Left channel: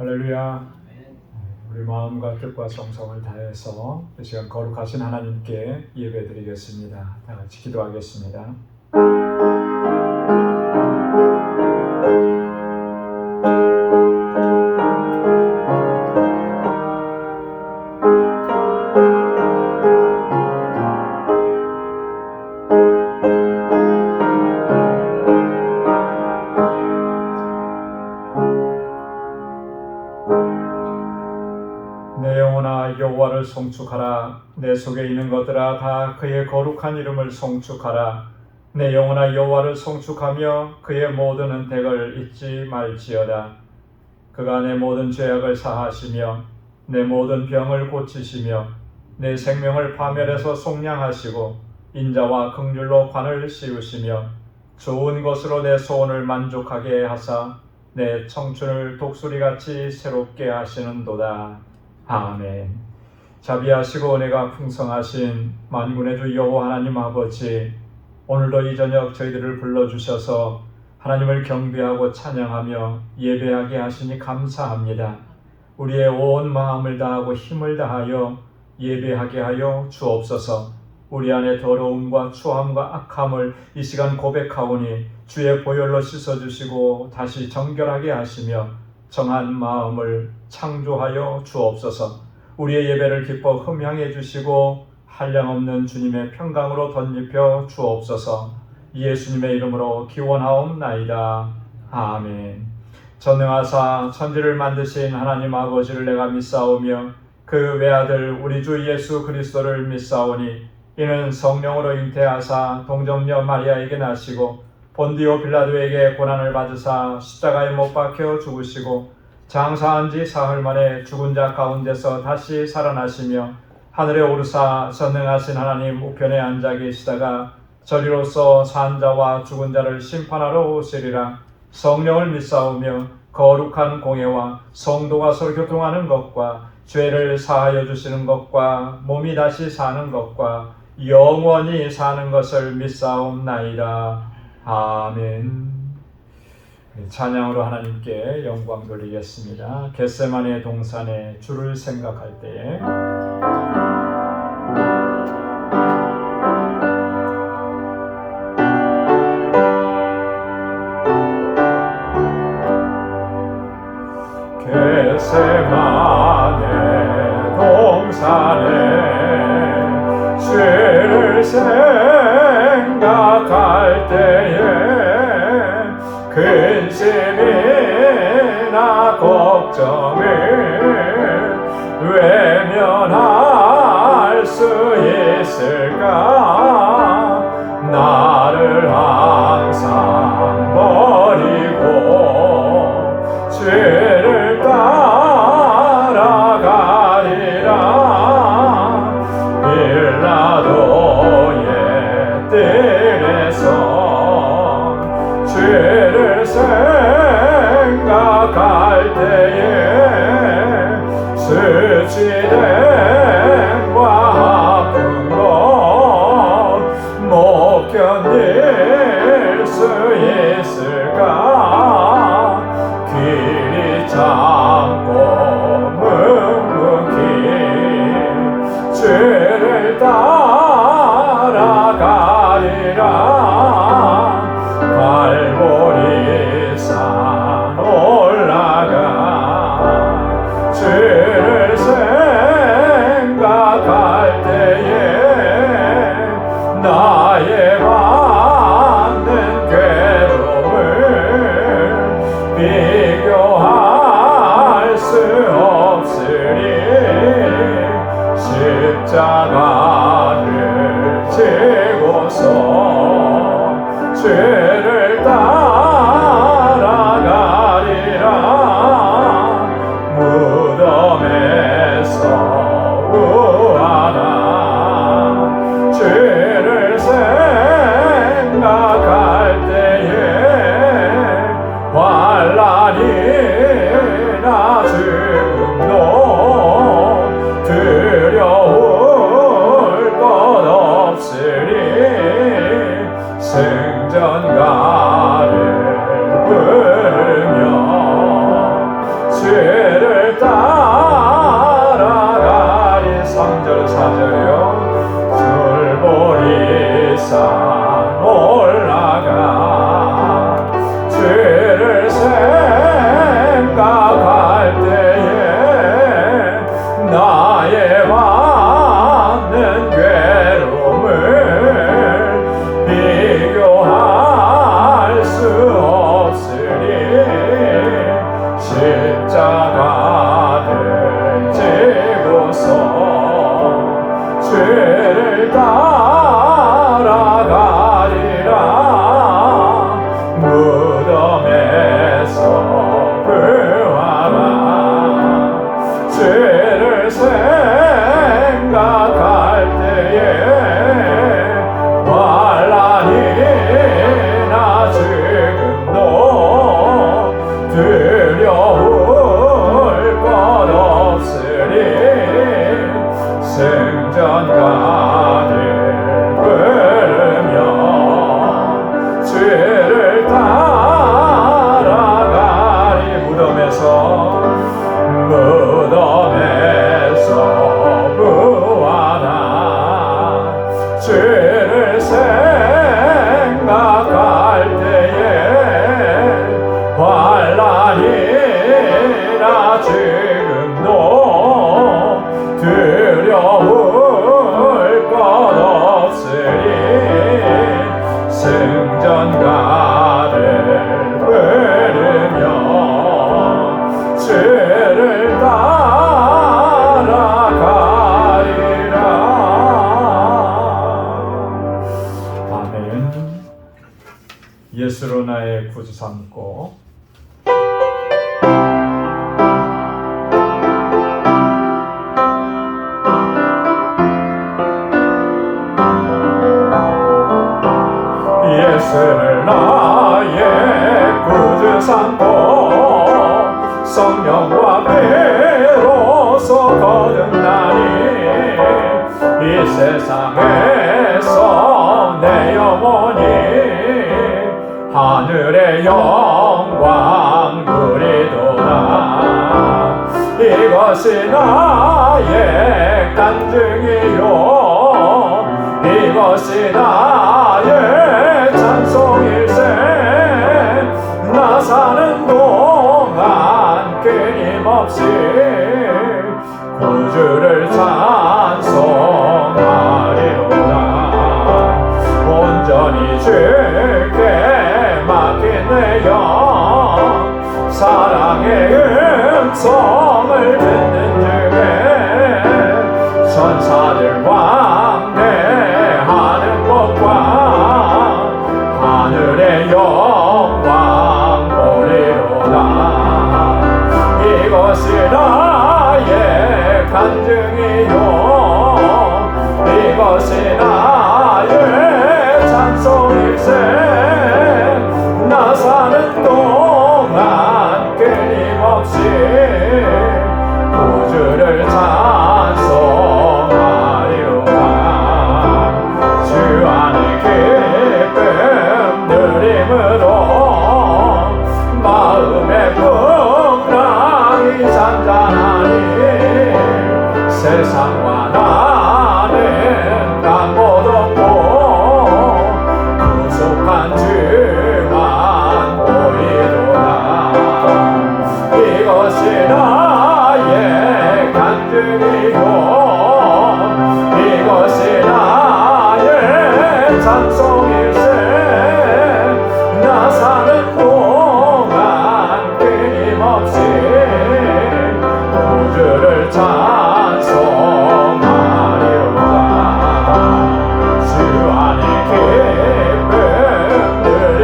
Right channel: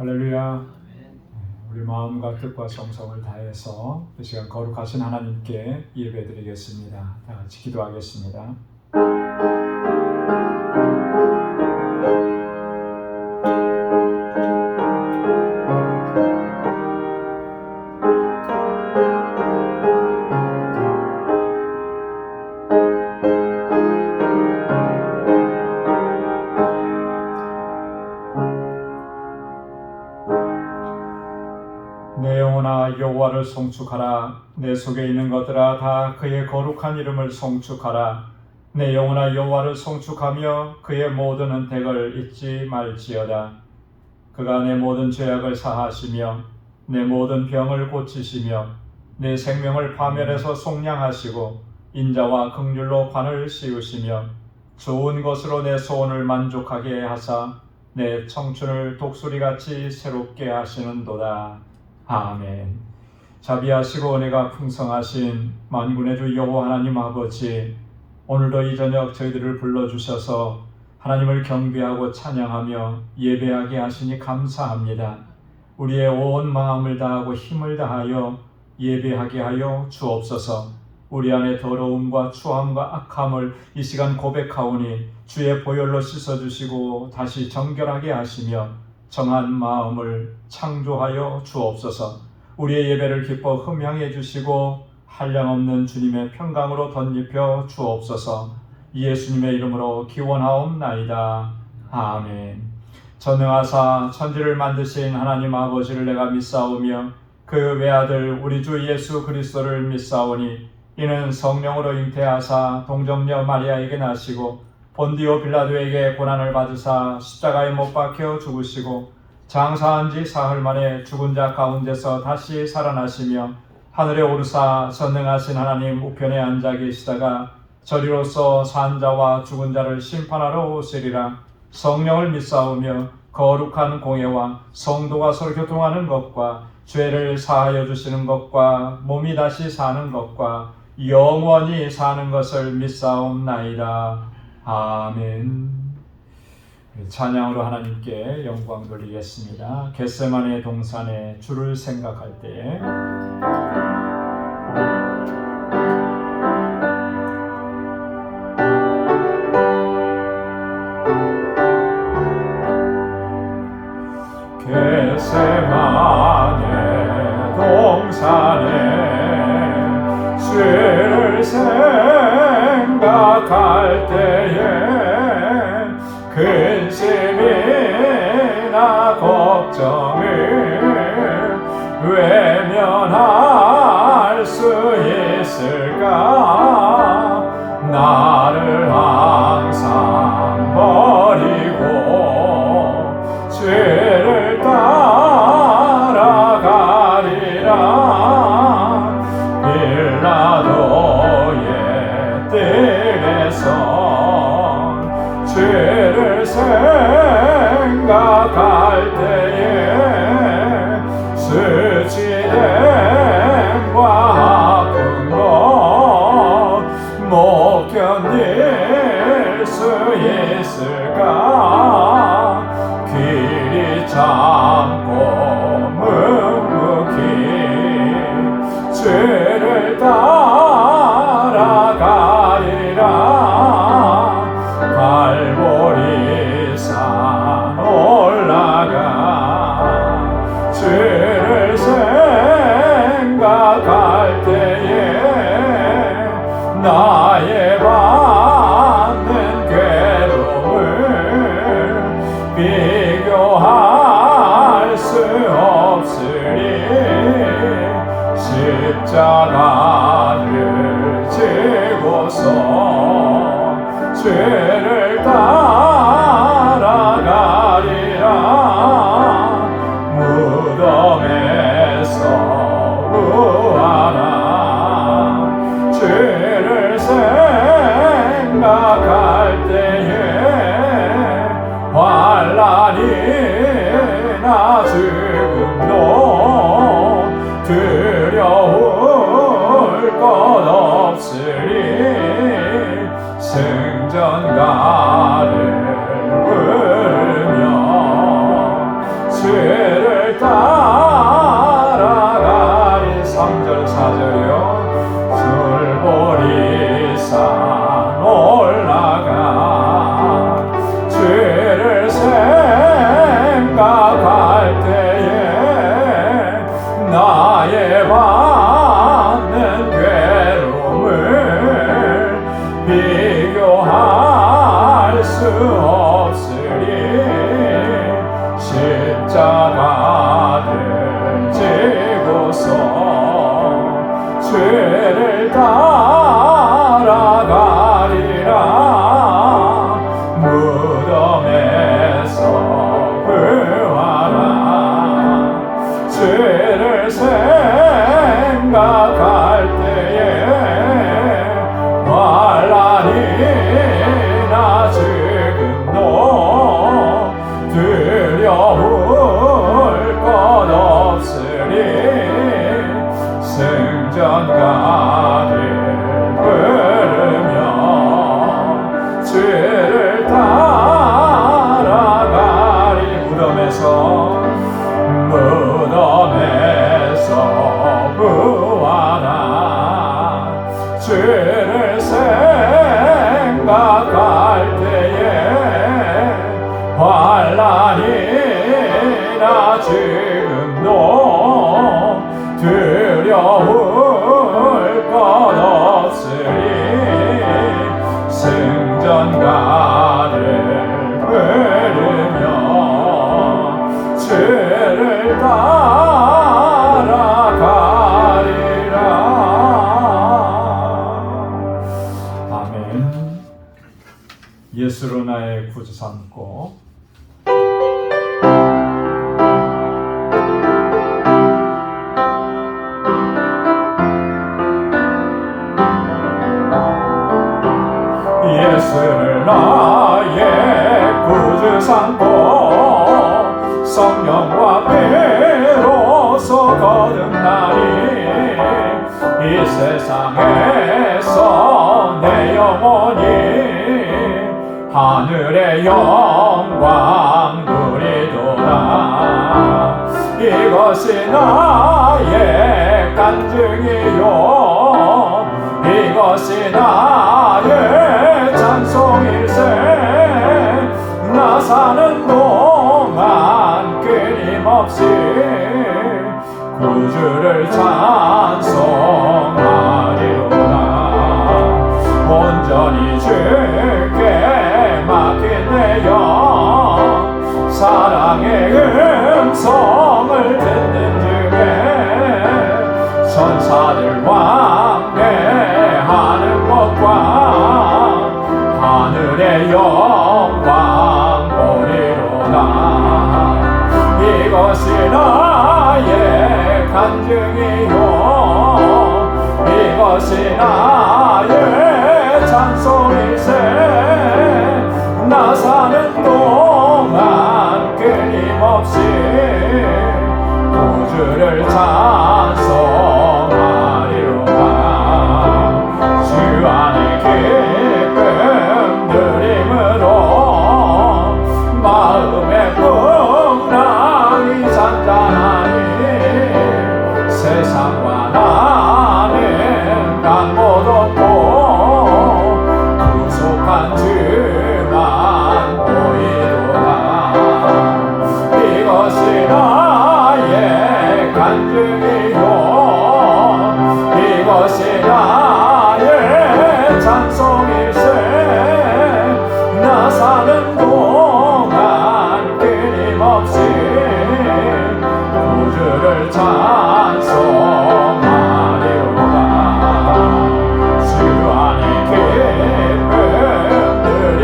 할렐루야. 우리 마음과 뜻과 정성을 다해서 이 시간 거룩하신 하나님께 예배드리겠습니다. 다 같이 기도하겠습니다. 내 영혼아 여호와를 송축하라. 내 속에 있는 것들아 다 그의 거룩한 이름을 송축하라. 내 영혼아 여호와를 송축하며 그의 모든 은택을 잊지 말지어다. 그가 내 모든 죄악을 사하시며 내 모든 병을 고치시며 내 생명을 파멸해서 속량하시고 인자와 긍휼로 관을 씌우시며 좋은 것으로 내 소원을 만족하게 하사 내 청춘을 독수리같이 새롭게 하시는도다. 아멘. 자비하시고 은혜가 풍성하신 만군의 주 여호와 하나님 아버지, 오늘도 이 저녁 저희들을 불러주셔서 하나님을 경배하고 찬양하며 예배하게 하시니 감사합니다. 우리의 온 마음을 다하고 힘을 다하여 예배하게 하여 주옵소서. 우리 안에 더러움과 추함과 악함을 이 시간 고백하오니 주의 보혈로 씻어주시고 다시 정결하게 하시며 정한 마음을 창조하여 주옵소서. 우리의 예배를 기뻐 흠향해 주시고 한량없는 주님의 평강으로 덧입혀 주옵소서. 예수님의 이름으로 기원하옵나이다. 아멘. 전능하사 천지를 만드신 하나님 아버지를 내가 믿사오며 그 외아들 우리 주 예수 그리스도를 믿사오니 이는 성령으로 잉태하사 동정녀 마리아에게 나시고 본디오 빌라도에게 고난을 받으사 십자가에 못 박혀 죽으시고 장사한 지 사흘 만에 죽은 자 가운데서 다시 살아나시며 하늘에 오르사 전능하신 하나님 우편에 앉아 계시다가 저리로서 산 자와 죽은 자를 심판하러 오시리라. 성령을 믿사오며 거룩한 공예와 성도가 서로 교통하는 것과 죄를 사하여 주시는 것과 몸이 다시 사는 것과 영원히 사는 것을 믿사옵나이다. 아멘. 찬양으로 하나님께 영광 돌리겠습니다. 겟세마네 동산에 주를 생각할 때에 겟세마네 동산에 주를 생각할 때에 근심이나 걱정을 외면할 수 있을까? 나를 항상 버리고 죄를 따라가리라. 빌라도의 뜰에서 죄를 생각할 때에 수치됨과 아픔도 못 견딜 수 있을까? 길이 참고 묵묵히 죄를 따라가리라. 갈보리산 올라가 죄를 생각할 때에 나의 받는 괴로움을 비교할 수 없으리. 십자가를 지고서 죄를 따라가리라. 무덤에서 부활한 죄를 생각할 때에 환난이나 죽음도 두려울 것 없으리. 승전가를 부르며 죄 산 올라가 주를 생각할 때에 나의 받는 괴로움을 비교할 수 없으니 십자가를 지고서 주를 따라가리라. 무덤에서 부활한 주를 생각할 때에 환난이나 죽음도 두려울 것 없으니 승전가를 부르며 주를 따라가리. 무덤에서 부활한 주를 생각할 때에 환난이나 죽음도 두려울 것 없으리 승전가를 부르며 주를 따라가리라. 아멘. 예수로 나의 구주 삼고 예수를 나의 구주 삼고 성령과 비로소 거듭나니 이 세상에서 내 영혼이 하늘의 영광 누리도다. 이것이 나의 간증이요 이것이 나의 찬송일세. 나 사는 동안 끊임없이 구주를 찬송하리로다. 온전히 주께 맡긴 내 영 사랑의 음성을 듣는 중에 천사들 왕래하는 것과 하늘의 영광 보리로다. 이것이 나의 간증이요 이것이 나의 찬송일세. 나 사는 동안 끊임없이 구주를 찬송하리로다. 주 안에 기쁨 누림으로 마음의 풍랑이 잔잔하니 세상과 나는 강못 없고 구속한 주만 보이도다. 이것이 나의 간증이요 이것이 나의 찬송일세. 나 사는 동안 끊임없이 구주를 찬송하리로다. 주 안에 기쁨 누리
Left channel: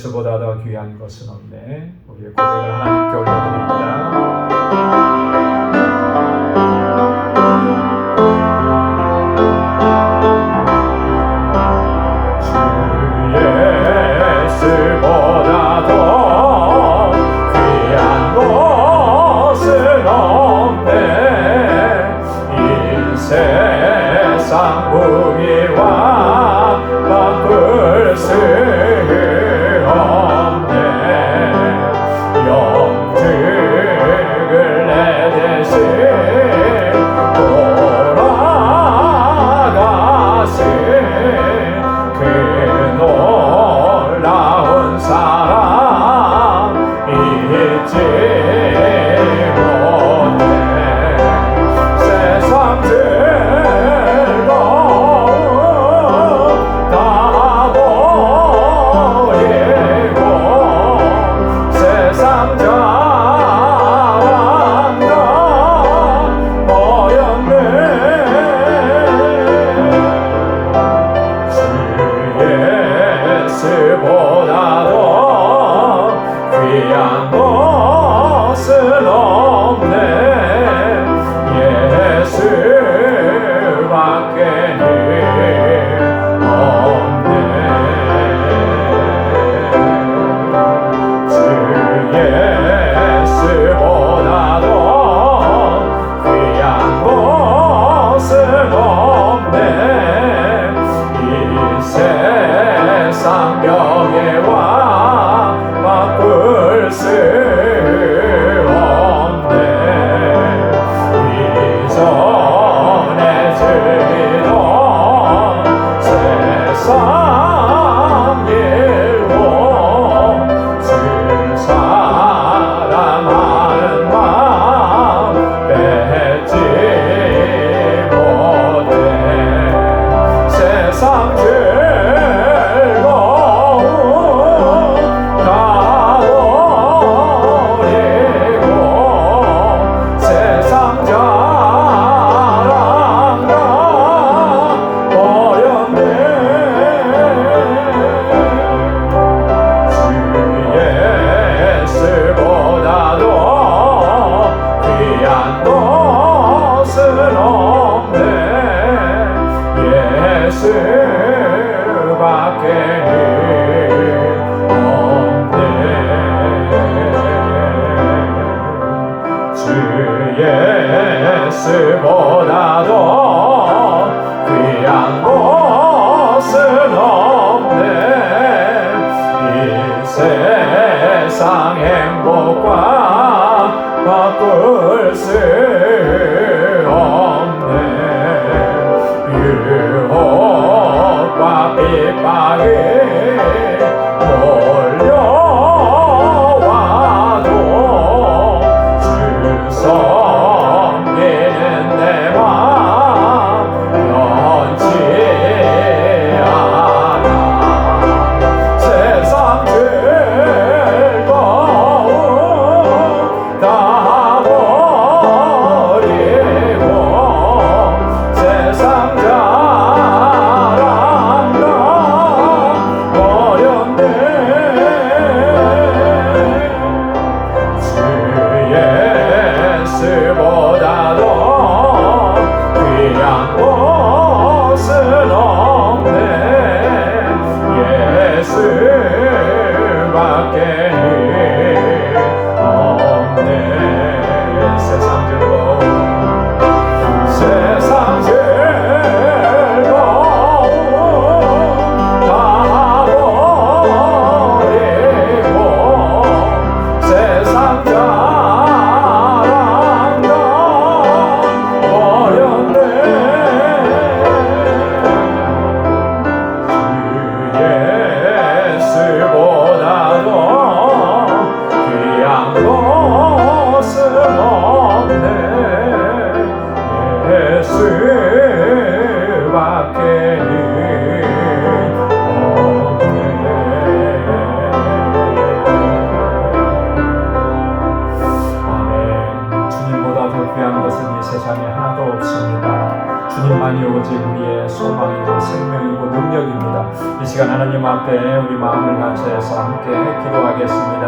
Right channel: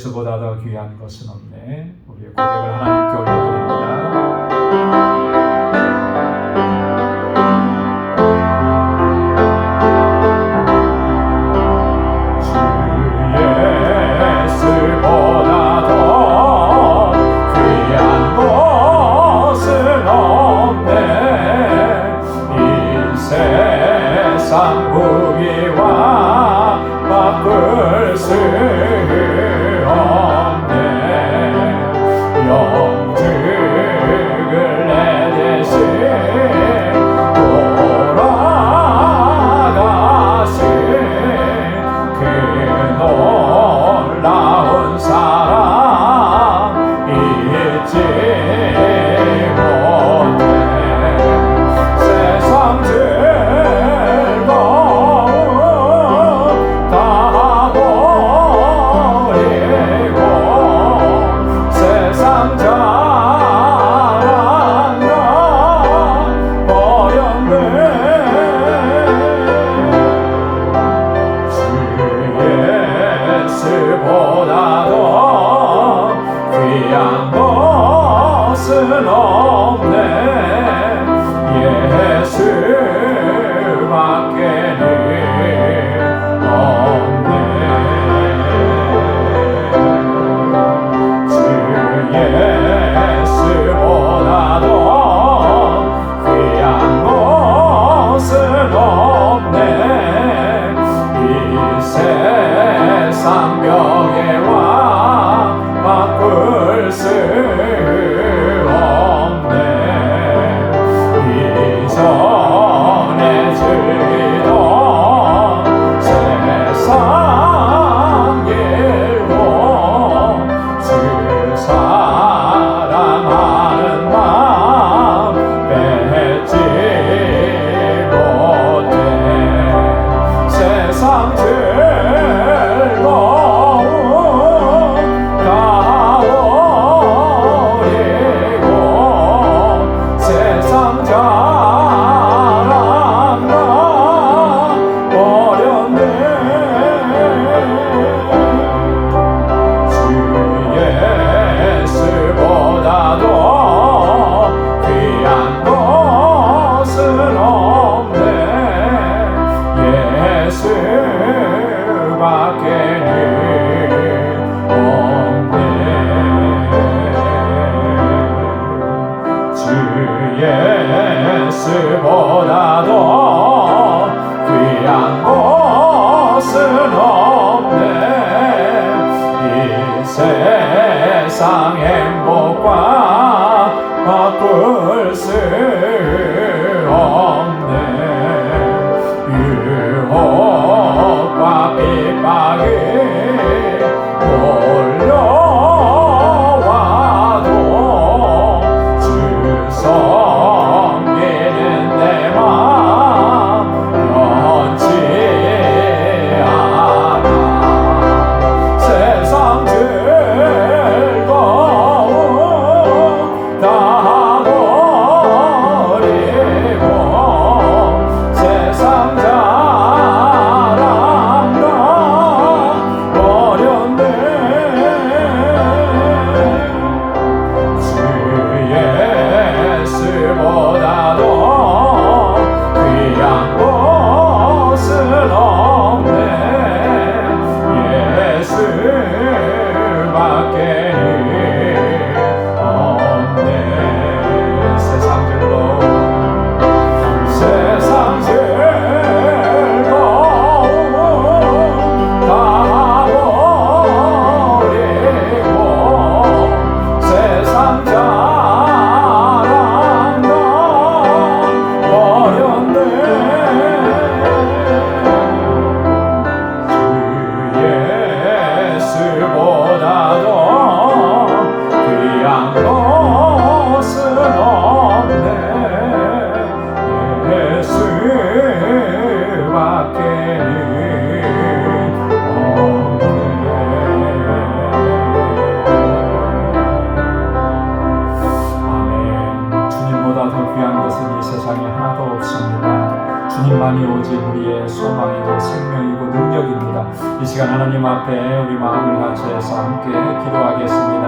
예수보다 더 귀한 것은 없네. 우리의 고백을 하나님께 올려드립니다. 세상 행복과 바꿀 수 없네. 유혹과 핍박이 몰려와도 주 섬기는 내 마음 변치 않아. 세상 즐거움 다 버리고 세상 자랑과 버렸네. 주 예수보다도 귀한 것은 없네. 예수밖에는 없네. 세상 즐거움 다 버리고 세상 자랑과 버렸네. 주 예수보다도 귀한 것은 없네. 예수밖에는 없네. 아멘. 주님보다 더 귀한 것은 이 세상에 하나도 없습니다. 주님만이 오직 우리의 소망이고 생명이고 능력입니다. 이 시간 하나님 앞에 우리 마음을 같이해서 함께 기도하겠습니다.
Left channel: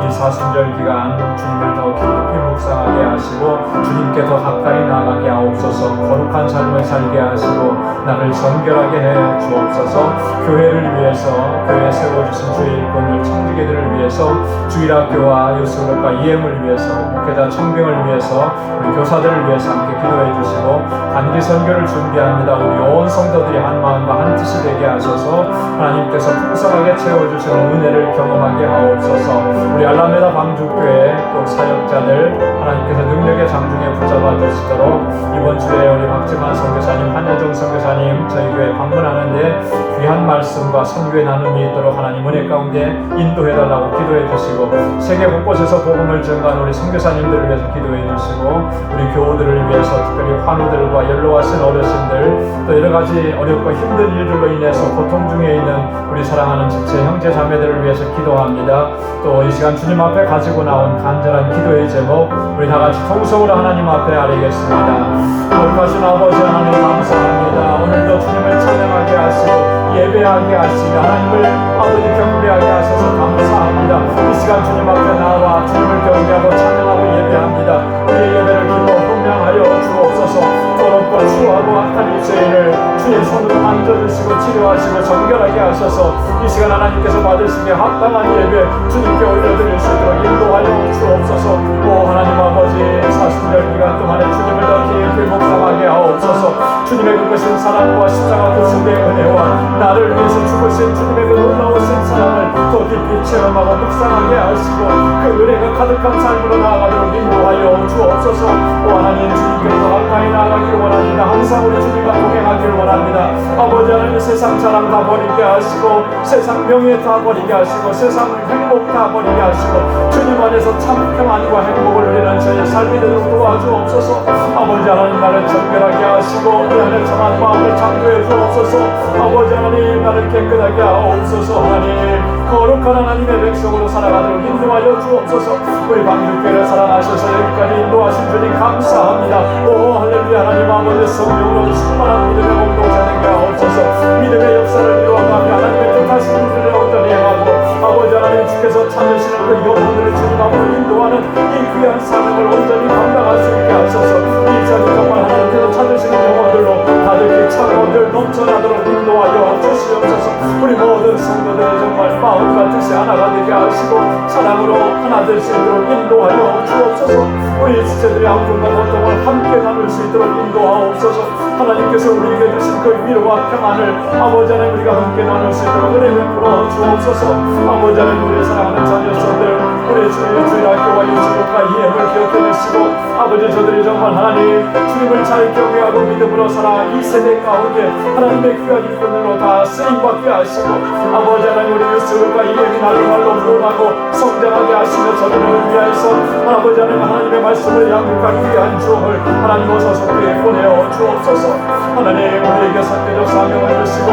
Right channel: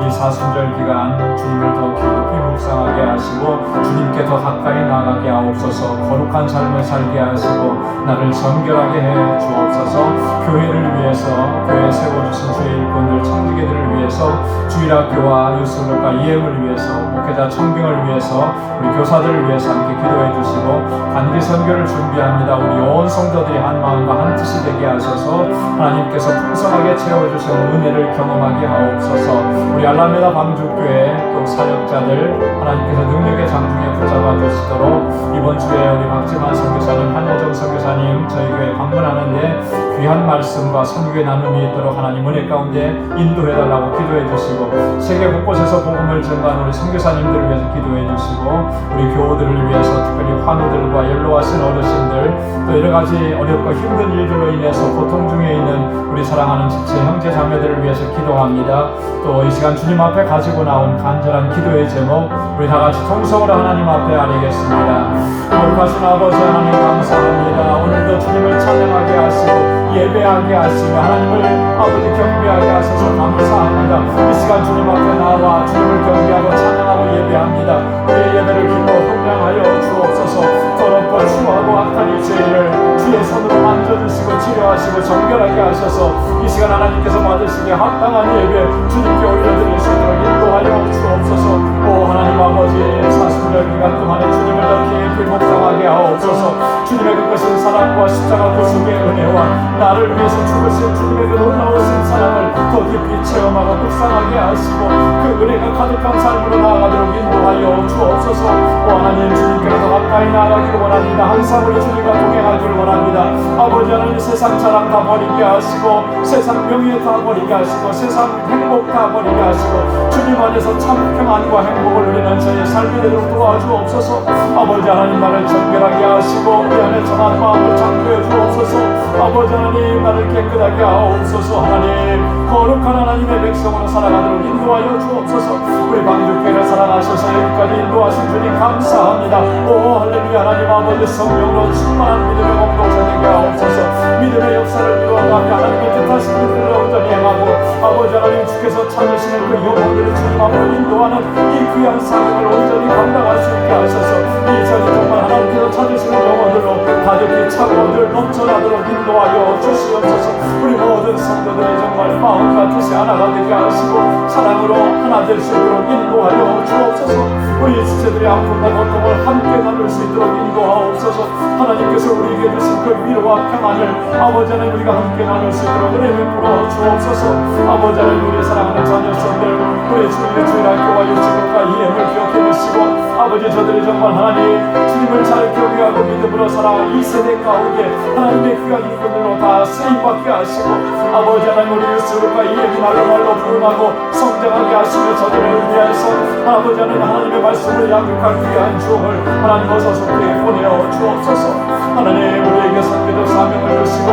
이 사순절 기간 주님을 더 깊이 묵상하게 하시고 주님께 더 가까이 나아가게 하옵소서. 거룩한 삶을 살게 하시고 나를 정결하게 해 주옵소서. 교회를 위해서, 교회 세워주신 주의 일꾼들 청지기들을 위해서, 주일학교와 요술과 EM을 위해서, 목회자 청빙을 위해서, 우리 교사들을 위해서 함께 기도해 주시고 단기 선교를 준비합니다. 우리 온 성도들이 한 마음과 한 뜻이 되게 하셔서 하나님께서 풍성하게 채워주시는 은혜를 경험하게 하옵소서. 우리 알라메다 방주교회 또 사역자들 하나님께서 능력의 장중에 붙잡아 주시도록 이번 주에 우리 박지만 선교사님, 한여정 선교사님 저희 교회 방문하는데 귀한 말씀과 선교의 나눔이 있도록 하나님 은혜 가운데 인도해달라고 기도해 주시고 세계 곳곳에서 복음을 전가하는 우리 선교사님들을 위해서 기도해 주시고 우리 교우들을 위해서 특별히 환우들과 연로하신 어르신들 또 여러가지 어렵고 힘든 일들로 인해서 고통 중에 있는 우리 사랑하는 지체 형제 자매들을 위해서 기도합니다. 또 이 시간 주님 앞에 가지고 나온 간절한 기도의 제목 우리 다같이 통성으로 하나님 앞에 아뢰겠습니다. 거룩하신 아버지 하나님 감사합니다. 오늘도 주님을 찬양하게 하시고 예배하게 하시며 하나님을 아버지 경배하게 하셔서 감사합니다. 이 시간 주님 앞에 나와 주님을 경배하고 찬양하고 예배합니다. 우리의 예배를 기뻐 헌장하여 주옵소서. 더욱더 치료하고 악한 죄인을 주의 손으로 만져주시고 치료하시고 정결하게 하셔서 이 시간 하나님께서 받으시기에 합당한 예배 주님께 올려드릴 수 있도록 인도하여 주옵소서. 오 하나님 아버지 사순절 기간 동안에 주님을 더 깊이 묵상하게 하옵소서. 주님의 그 크신 사랑과 십자가 구속의 은혜와 나를 위해서 죽으신 주님의 그 놀라우신 사랑을 더 깊이 체험하고 묵상하게 하시고 그 은혜가 가득한 삶으로 나아가도록 인도하여 주옵소서. 오 하나님 주님께로 더 가까이 나아가기를 원합니다. 항상 우리 주님과 동행하기를 원합니다. 아버지 하나님 세상 자랑 다 버리게 하시고 세상 명예 다 버리게 하시고 세상 행복 다 버리게 하시고 주님 안에서 참 평안과 행복을 누리는 저의 삶이 되도록 도와주옵소서. 아버지 하나님 나를 정결하게 하시고 우리 안에 참한 마음을 창조해 주옵소서. 아버지 하나님 나를 깨끗하게 하옵소서. 하나님 거룩한 하나님의 백성으로 살아가도록 인도하여 주옵소서. 우리 방주교회를 사랑하셔서 여기까지 인도하신 주님 감사합니다. 오 할렐루야. 하나님 아버지 성령으로 충만한 믿음의 몸으로 되게 하옵소서. 믿음의 역사를 이루어가며 하나님의 뜻하시는 분량을 전행하고 아버지 하나님 주께서 찾으시는 그 영혼을 주님하고 인도하는 이 귀한 사명을 온전히 감당할 수 있게 하소서. 이 자리 정말 하나님께서 찾으시는 영혼들로 가득히 차고들 넘쳐나도록 인도하여 주시옵소서. 우리 모든 성도들이 정말 마음과 뜻이 하나가 되게 하시고 사랑으로 하나 될 수 있도록 인도하여 주옵소서. 우리 지체들이 아픔과 고통을 함께 나눌 수 있도록 인도하옵소서. 하나님께서 우리에게 주신 그 위로와 평안을 아버지 하나님 우리가 함께 나눌 수 있도록 은혜 베풀어 주옵소서. 아버지 하나님 우리의 사랑하는 자녀들을 우리 주님의 주일학교와 요즘과 EM을 기억해 주시고 아버지 저들이 정말 하나님 주님을 잘 경외하고 믿음으로 살아 이 세대 가운데 하나님의 귀한 일꾼으로 다 쓰임받게 하시고 아버지 하나님 우리 유스울과 EM이 날로말로 부름하고 성장하게 하시며 저들을 위하여서 아버지 하나님의 말씀을 양육할 귀한 주옥을 하나님 어서 속에 보내어 주옵소서. 하나님 우리에게 선교적 사명을 주시고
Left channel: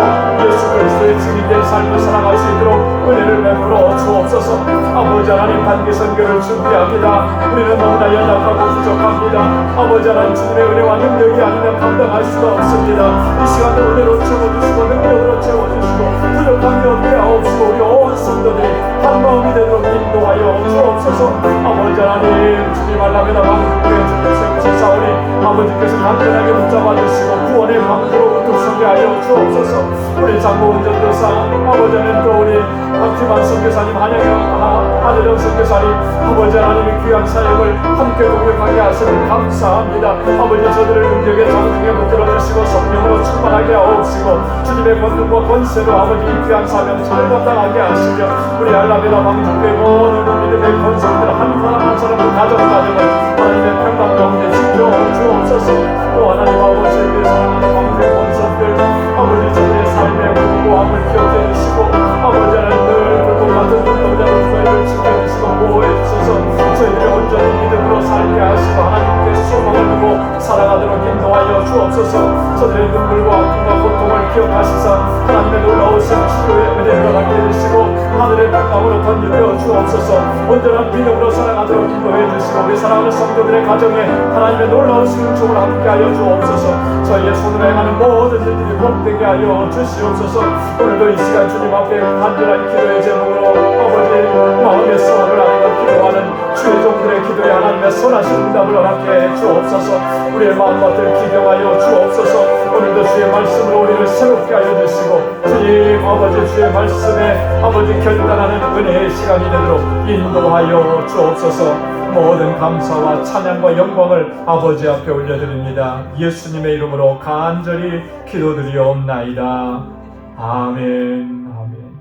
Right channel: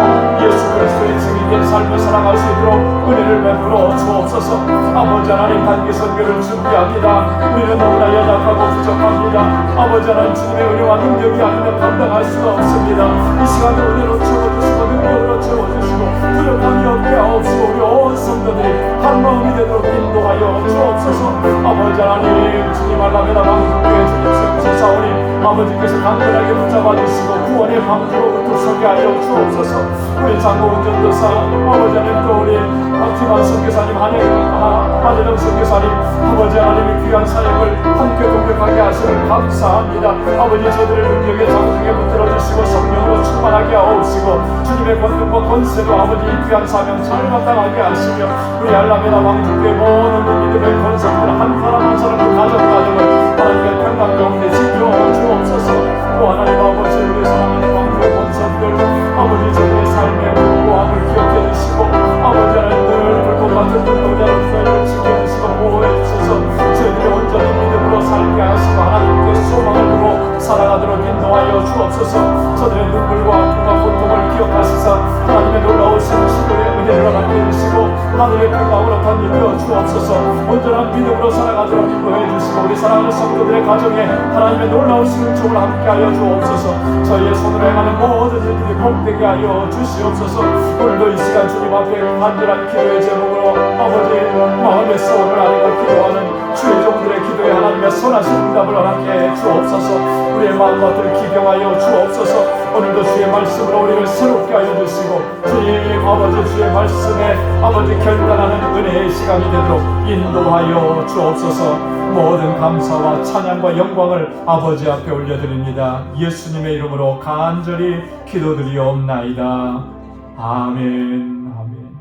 예수 그리스도의 증인된 삶을 살아갈 수 있도록 은혜를 베풀어 주옵소서. 아버지 하나님 단기 선교를 준비합니다. 우리는 너무나 연약하고 부족합니다. 아버지 하나님 주님의 은혜와 능력이 아니면 감당할 수가 없습니다. 이 시간에 은혜로 채워주시고 능력으로 채워주시고 부족함이 없게 하옵소서. 우리 온 성도들이 한 마음이 되도록 인도하여 주옵소서. 아버지 하나님 주님 알라메다 방주교회 주님 세우소서. 아버지께서 간단하게 붙잡아주시고 구원의 방주로부터 소개하여 주옵소서. 우리 장로원 전도사 아버지 하나님 또 우리 박지만 선교사님 한여정 선교사님 아버지 하나님의 귀한 사역을 함께 동역하게 하시는 감사합니다. 아버지 저들을 능력의 장중에 붙들어주시고 성령으로 충만하게 하옵시고 주님의 권능과 권세로 아버지 이 귀한 사명 잘 감당하게 하시며 우리 알라메다 왕주께 모든 믿음의 권성들 한 사람 한 사람을 가정을 하나님의 평강 가운데 지켜오고 주옵소서. 또 하나님 아버지를 위해 사랑하는 왕주의 권성들 아버지 저들의 삶의 공로함을 기억해 주시고 아버지 하나님 늘 고받은 눈물을 지켜주시고 보호해 주셔서 저희들이 온전히 믿음으로 살게 하시고 하나님께 소망을 두고 살아가도록 인도하여 주옵소서. 저들의 눈물과 아픔과 고통을 기억하시사 하나님의 놀라우신 치료의 은혜를 얻게 해주시고 하늘의 평강으로 던지려 주옵소서. 주옵소서. 온전한 믿음으로 살아가도록 인도해 주시고 우리 사랑하는 성도들의 가정에 하나님의 놀라운 승총을 함께하여 주옵소서. 저희의 손으로 행하는 모든 일들이 복되게 하여 주시옵소서. 오늘도 이 시간 주님 앞에 간절한 기도의 제목으로 아버지 마음의 싸움을 아뢰고 기도하는 주의 종들의 기도에 하나님의 선하신 응답을 허락해 주옵소서. 우리의 마음밭을 기경하여 주옵소서. 오늘도 주의 말씀으로 우리를 새롭게 하여 주시고 주님 아버지 주의 말씀에 아버지 결단하는 은혜의 시간이 되도록 인도하여 주옵소서. 모든 감사와 찬양과 영광을 아버지 앞에 올려드립니다. 예수님의 이름으로 간절히 기도드리옵나이다. 아멘. 아멘.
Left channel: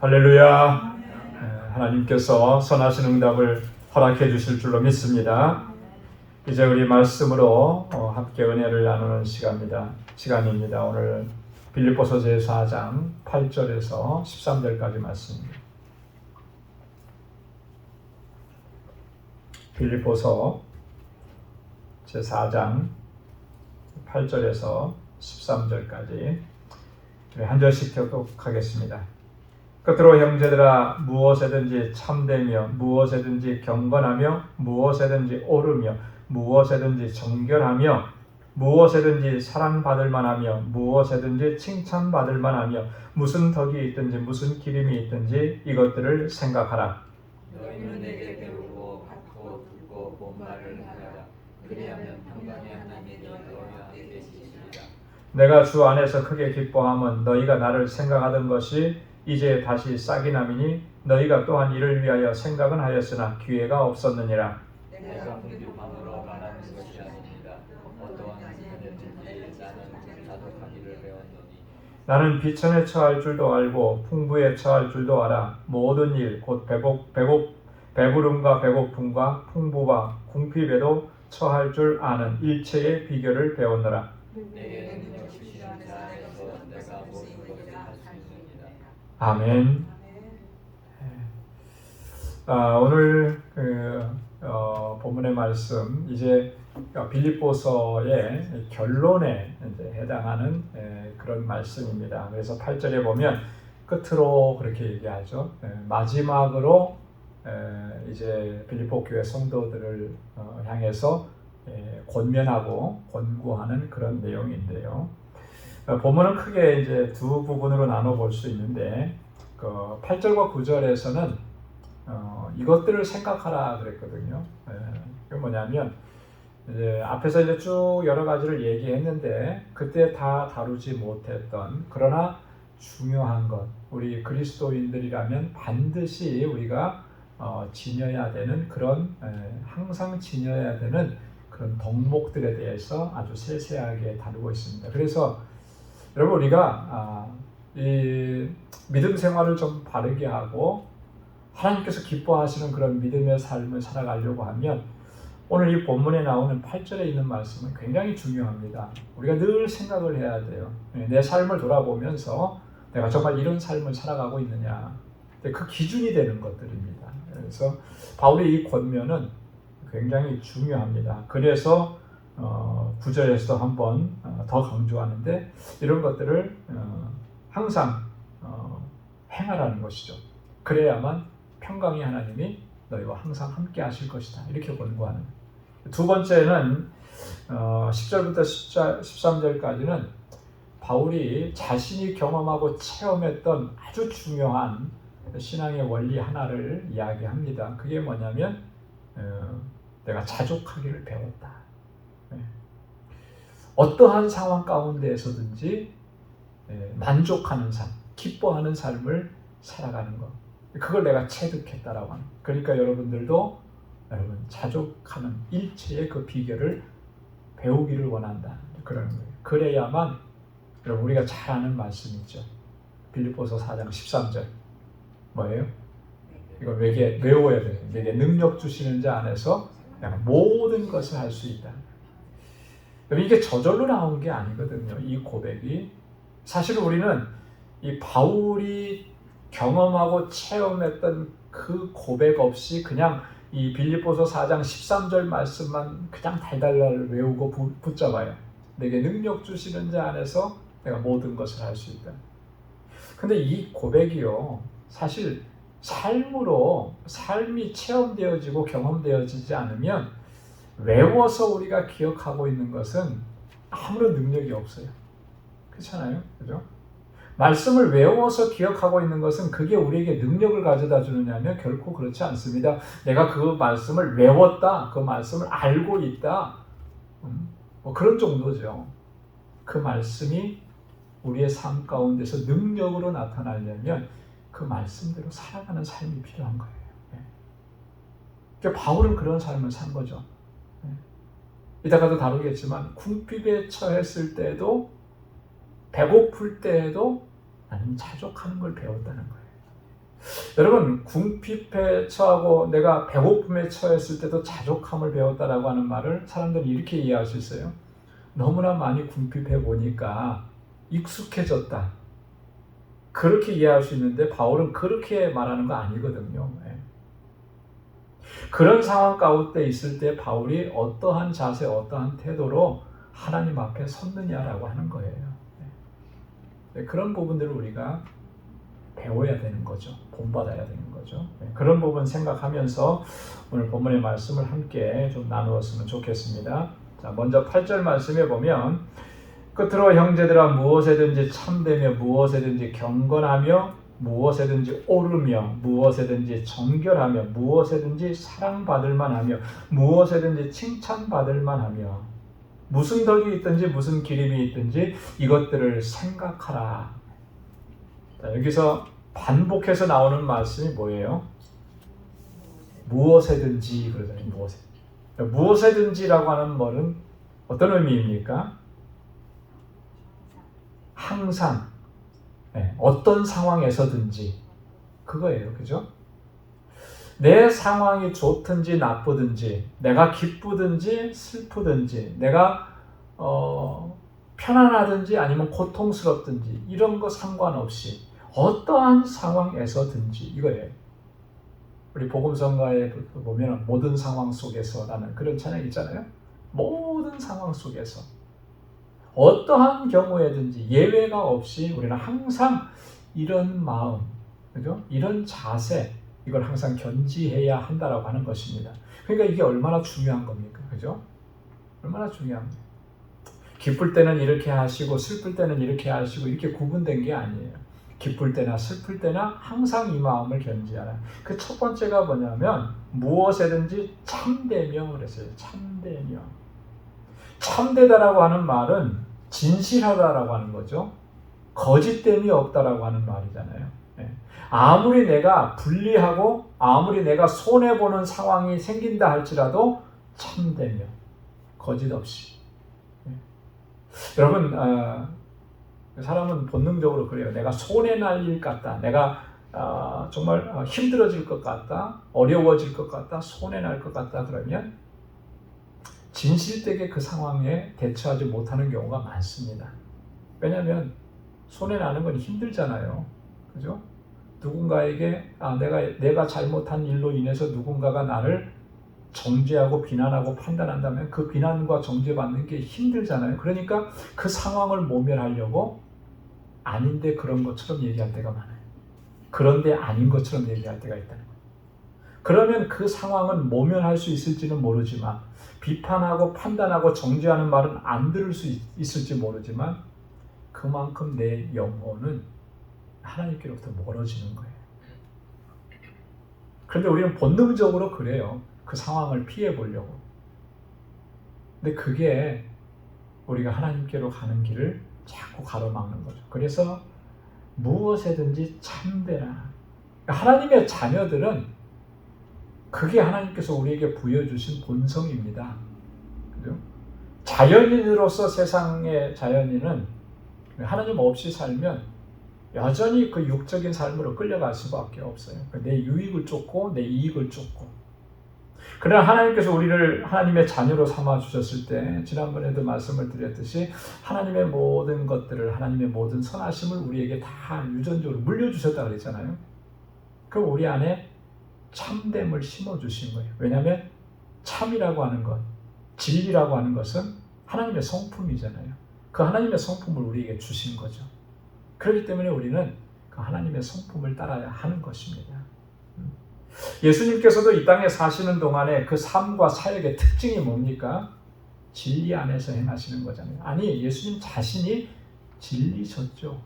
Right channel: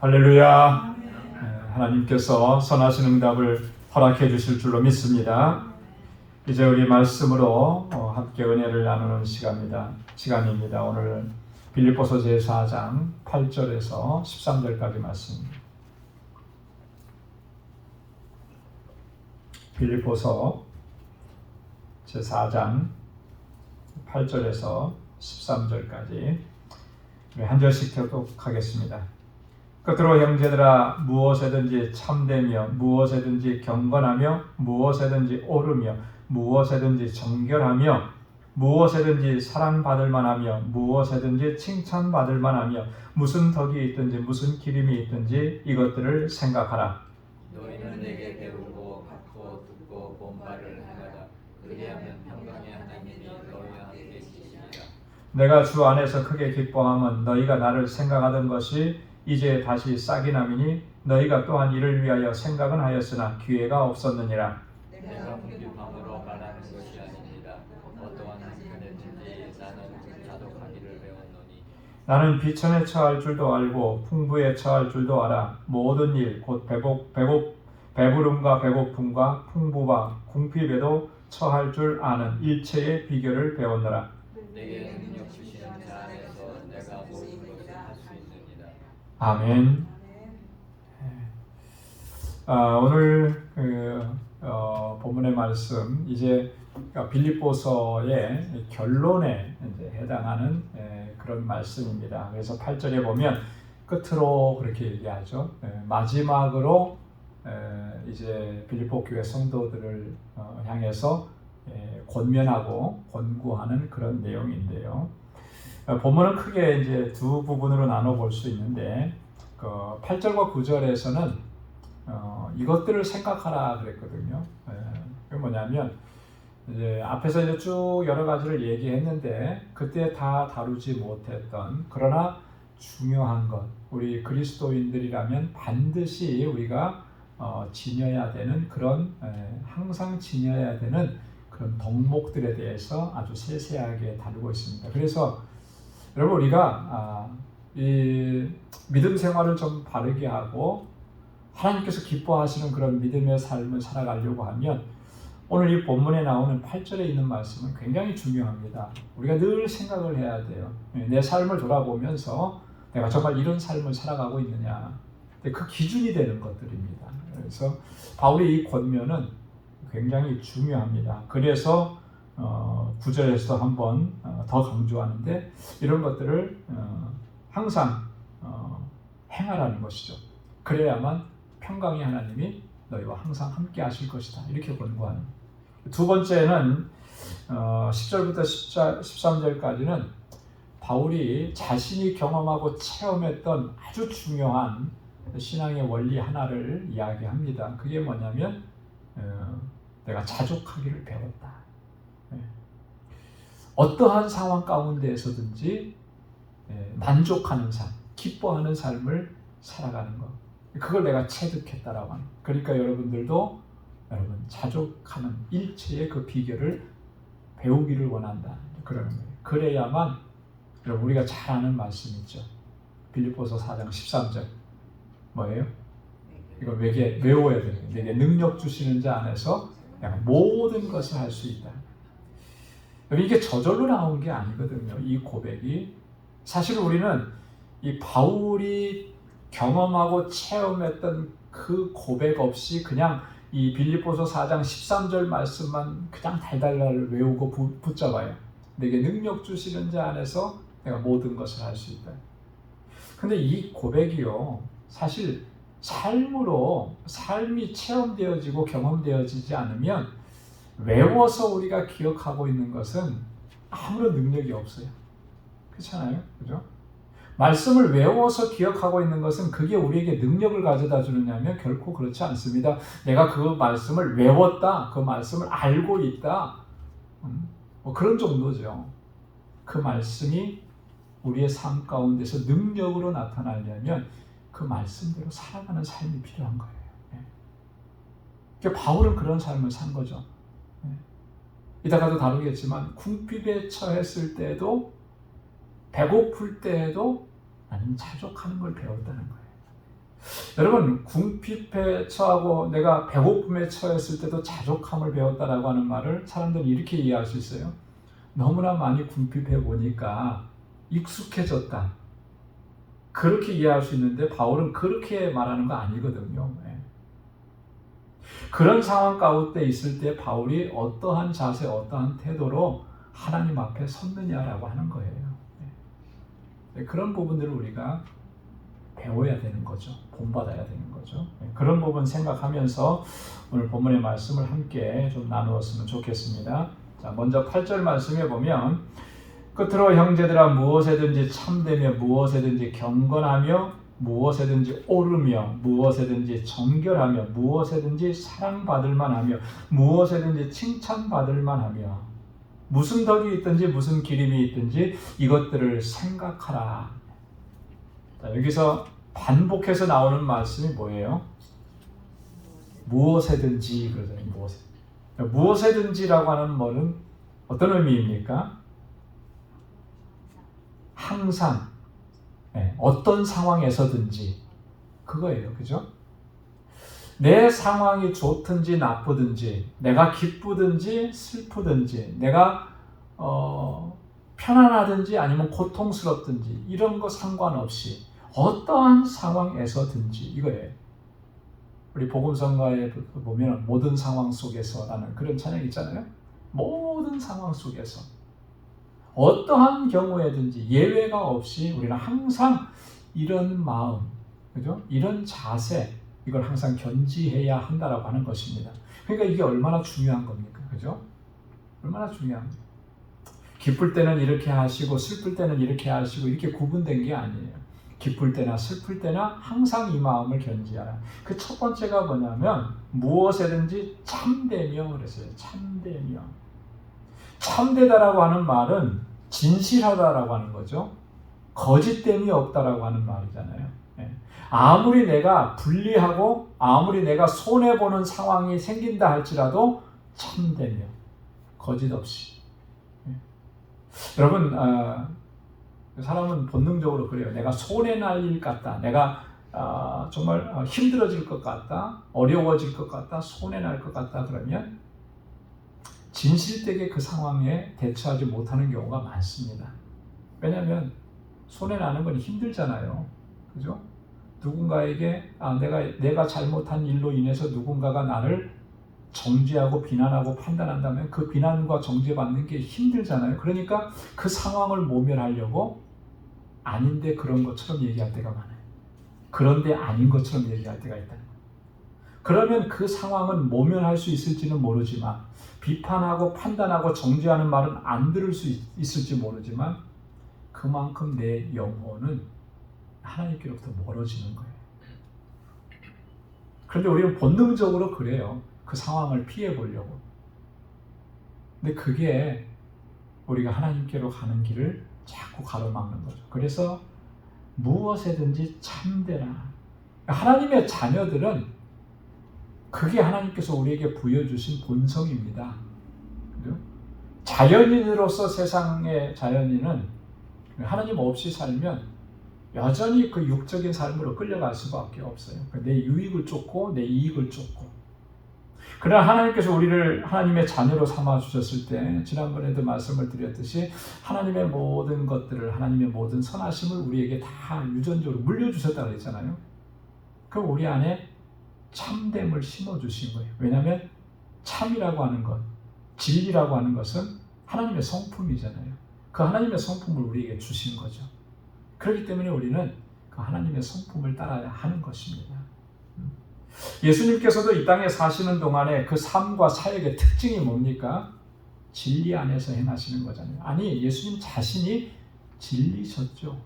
할렐루야. 하나님께서 선하신 응답을 허락해 주실 줄로 믿습니다. 이제 우리 말씀으로 함께 은혜를 나누는 시간입니다. 오늘 빌립보서 제4장 8절에서 13절까지 말씀입니다. 빌립보서 제4장 8절에서 13절까지 우리 한 절씩 교독하겠습니다. 끝으로 형제들아 무엇에든지 참되며 무엇에든지 경건하며 무엇에든지 옳으며 무엇에든지 정결하며 무엇에든지 사랑받을 만하며 무엇에든지 칭찬받을 만하며 무슨 덕이 있든지 무슨 기림이 있든지 이것들을 생각하라. 너희는 내게 배우고 받고 듣고 본 말을 하여라. 그리하면 평강의 하나님이 너희와 함께 계시리라. 내가 주 안에서 크게 기뻐함은 너희가 나를 생각하던 것이 이제 다시 싹이 나미니 너희가 또한 이를 위하여 생각은 하였으나 기회가 없었느니라. 내가 궁핍함으로 말하는 것이 아닙니다. 어떠한 한편에든지 나는 자독하기를 배웠노니 나는 비천에 처할 줄도 알고 풍부에 처할 줄도 알아. 모든 일 곧 배부름과 배고픔과 풍부와 궁핍에도 처할 줄 아는 일체의 비결을 배우노라. 내게 능력 주시는 자 안에서 내가 모든 것을 할 수 있느니라. 아멘. 오늘 본문의 말씀 이제 빌립보서의 결론에 이제 해당하는 그런 말씀입니다. 그래서 8절에 보면 끝으로 그렇게 얘기하죠. 마지막으로 이제 빌립보 교회 성도들을 향해서 권면하고 권고하는 그런 내용인데요. 본문은 크게 이제 두 부분으로 나눠 볼 수 있는데 8절과 9절에서는 이것들을 생각하라 그랬거든요. 그게 뭐냐면 이제 앞에서 이제 쭉 여러 가지를 얘기했는데 그때 다 다루지 못했던 그러나 중요한 것, 우리 그리스도인들이라면 반드시 우리가 지녀야 되는 그런 항상 지녀야 되는 그런 덕목들에 대해서 아주 세세하게 다루고 있습니다. 그래서 여러분 우리가 이 믿음 생활을 좀 바르게 하고 하나님께서 기뻐하시는 그런 믿음의 삶을 살아가려고 하면 오늘 이 본문에 나오는 8절에 있는 말씀은 굉장히 중요합니다. 우리가 늘 생각을 해야 돼요. 내 삶을 돌아보면서 내가 정말 이런 삶을 살아가고 있느냐. 그 기준이 되는 것들입니다. 그래서 바울의 이 권면은 굉장히 중요합니다. 그래서 9절에서 한번 더 강조하는데 이런 것들을 항상 행하라는 것이죠. 그래야만 평강의 하나님이 너희와 항상 함께 하실 것이다. 이렇게 권고하는. 두 번째는 10절부터 13절까지는 바울이 자신이 경험하고 체험했던 아주 중요한 신앙의 원리 하나를 이야기합니다. 그게 뭐냐면 내가 자족하기를 배웠다. 어떠한 상황 가운데에서든지 만족하는 삶, 기뻐하는 삶을 살아가는 것. 그걸 내가 체득했다라고 하는. 그러니까 여러분들도 여러분 자족하는 일체의 그 비결을 배우기를 원한다. 그러는 거예요. 그래야만 여러분 우리가 잘 아는 말씀이죠. 빌립보서 4장 13절 뭐예요? 이거 외워야 돼요. 내게 능력 주시는 자 안에서 내가 모든 것을 할 수 있다. 이게 저절로 나온 게 아니거든요. 이 고백이 사실 우리는 이 바울이 경험하고 체험했던 그 고백 없이 그냥 이 빌립보서 4장 13절 말씀만 그냥 달달달 외우고 붙잡아요. 내게 능력 주시는 자 안에서 내가 모든 것을 할 수 있다. 근데 이 고백이요 사실 삶으로 삶이 체험되어지고 경험되어지지 않으면 외워서 우리가 기억하고 있는 것은 아무런 능력이 없어요. 그렇잖아요, 그죠? 말씀을 외워서 기억하고 있는 것은 그게 우리에게 능력을 가져다 주느냐면 결코 그렇지 않습니다. 내가 그 말씀을 외웠다, 그 말씀을 알고 있다, 뭐 그런 정도죠. 그 말씀이 우리의 삶 가운데서 능력으로 나타나려면 그 말씀대로 살아가는 삶이 필요한 거예요. 그러니까 바울은 그런 삶을 산 거죠. 이따가도 다루겠지만 궁핍에 처했을 때도 배고플 때에도 나는 자족하는 걸 배웠다는 거예요. 여러분, 궁핍에 처하고 내가 배고픔에 처했을 때도 자족함을 배웠다라고 하는 말을 사람들이 이렇게 이해할 수 있어요. 너무나 많이 궁핍해 보니까 익숙해졌다. 그렇게 이해할 수 있는데 바울은 그렇게 말하는 거 아니거든요. 그런 상황 가운데 있을 때 바울이 어떠한 자세, 어떠한 태도로 하나님 앞에 섰느냐라고 하는 거예요. 그런 부분들을 우리가 배워야 되는 거죠. 본받아야 되는 거죠. 그런 부분 생각하면서 오늘 본문의 말씀을 함께 좀 나누었으면 좋겠습니다. 자, 먼저 8절 말씀에 보면 끝으로 형제들아 무엇에든지 참되며 무엇에든지 경건하며 무엇에든지 옳으며 무엇에든지 정결하며 무엇에든지 사랑받을 만하며 무엇에든지 칭찬받을 만하며 무슨 덕이 있든지 무슨 기림이 있든지 이것들을 생각하라. 자, 여기서 반복해서 나오는 말씀이 뭐예요? 무엇에든지 그러잖아요. 무엇에든지라고 하는 말은 어떤 의미입니까? 항상, 어떤 상황에서든지 그거예요. 그죠? 내 상황이 좋든지 나쁘든지 내가 기쁘든지 슬프든지 내가 편안하든지 아니면 고통스럽든지 이런 거 상관없이 어떠한 상황에서든지 이거예요. 우리 복음성가에 보면 모든 상황 속에서라는 그런 찬양 있잖아요. 모든 상황 속에서 어떠한 경우에든지 예외가 없이 우리는 항상 이런 마음, 그죠? 이런 자세 이걸 항상 견지해야 한다라고 하는 것입니다. 그러니까 이게 얼마나 중요한 겁니까? 그죠? 얼마나 중요합니까? 기쁠 때는 이렇게 하시고 슬플 때는 이렇게 하시고 이렇게 구분된 게 아니에요. 기쁠 때나 슬플 때나 항상 이 마음을 견지하라. 그 첫 번째가 뭐냐면 무엇에든지 참되며 그랬어요. 참되며. 참되다라고 하는 말은 진실하다라고 하는 거죠. 거짓됨이 없다라고 하는 말이잖아요. 아무리 내가 불리하고 아무리 내가 손해보는 상황이 생긴다 할지라도 참되며 거짓 없이. 여러분, 사람은 본능적으로 그래요. 내가 손해날 일 같다. 내가 정말 힘들어질 것 같다. 어려워질 것 같다. 손해날 것 같다. 그러면 진실되게 그 상황에 대처하지 못하는 경우가 많습니다. 왜냐하면 손해나는 건 힘들잖아요. 그죠? 누군가에게 내가 잘못한 일로 인해서 누군가가 나를 정죄하고 비난하고 판단한다면 그 비난과 정죄받는 게 힘들잖아요. 그러니까 그 상황을 모면하려고 아닌데 그런 것처럼 얘기할 때가 많아요. 그런데 아닌 것처럼 얘기할 때가 있다. 그러면 그 상황은 모면할 수 있을지는 모르지만 비판하고 판단하고 정죄하는 말은 안 들을 수 있을지 모르지만 그만큼 내 영혼은 하나님께로부터 멀어지는 거예요. 그런데 우리는 본능적으로 그래요. 그 상황을 피해 보려고. 근데 그게 우리가 하나님께로 가는 길을 자꾸 가로막는 거죠. 그래서 무엇에든지 참되라. 하나님의 자녀들은 그게 하나님께서 우리에게 부여주신 본성입니다. 그죠? 자연인으로서 세상의 자연인은 하나님 없이 살면 여전히 그 육적인 삶으로 끌려갈 수밖에 없어요. 내 유익을 쫓고 내 이익을 쫓고. 그러나 하나님께서 우리를 하나님의 자녀로 삼아 주셨을 때 지난번에도 말씀을 드렸듯이 하나님의 모든 것들을 하나님의 모든 선하심을 우리에게 다 유전적으로 물려주셨다고 그랬잖아요. 그 우리 안에 참됨을 심어주신 거예요. 왜냐하면 참이라고 하는 것, 진리라고 하는 것은 하나님의 성품이잖아요. 그 하나님의 성품을 우리에게 주신 거죠. 그렇기 때문에 우리는 그 하나님의 성품을 따라야 하는 것입니다. 예수님께서도 이 땅에 사시는 동안에 그 삶과 사역의 특징이 뭡니까? 진리 안에서 행하시는 거잖아요. 아니, 예수님 자신이 진리셨죠.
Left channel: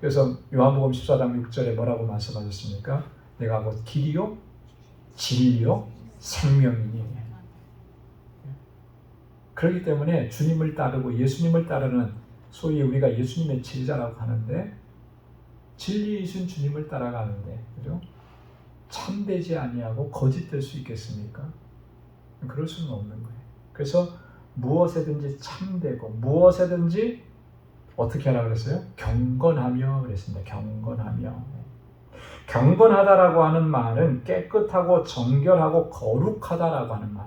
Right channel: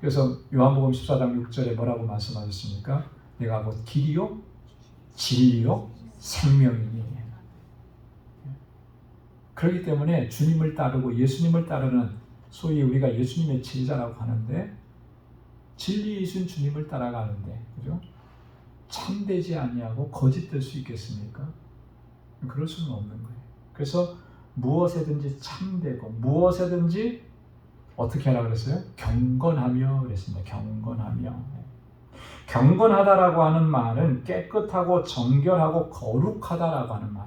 그래서 요한복음 14장 6절에 뭐라고 말씀하셨습니까? 내가 곧 길이요 진리요 생명이니. 그렇기 때문에 주님을 따르고 예수님을 따르는 소위 우리가 예수님의 제자라고 하는데, 진리이신 주님을 따라가는데, 그죠? 참되지 아니하고 거짓될 수 있겠습니까? 그럴 수는 없는 거예요. 그래서 무엇에든지 참되고 무엇에든지 어떻게 하라고 그랬어요? 경건하며 그랬습니다. 경건하며. 경건하다라고 하는 말은 깨끗하고 정결하고 거룩하다라고 하는 말이에요.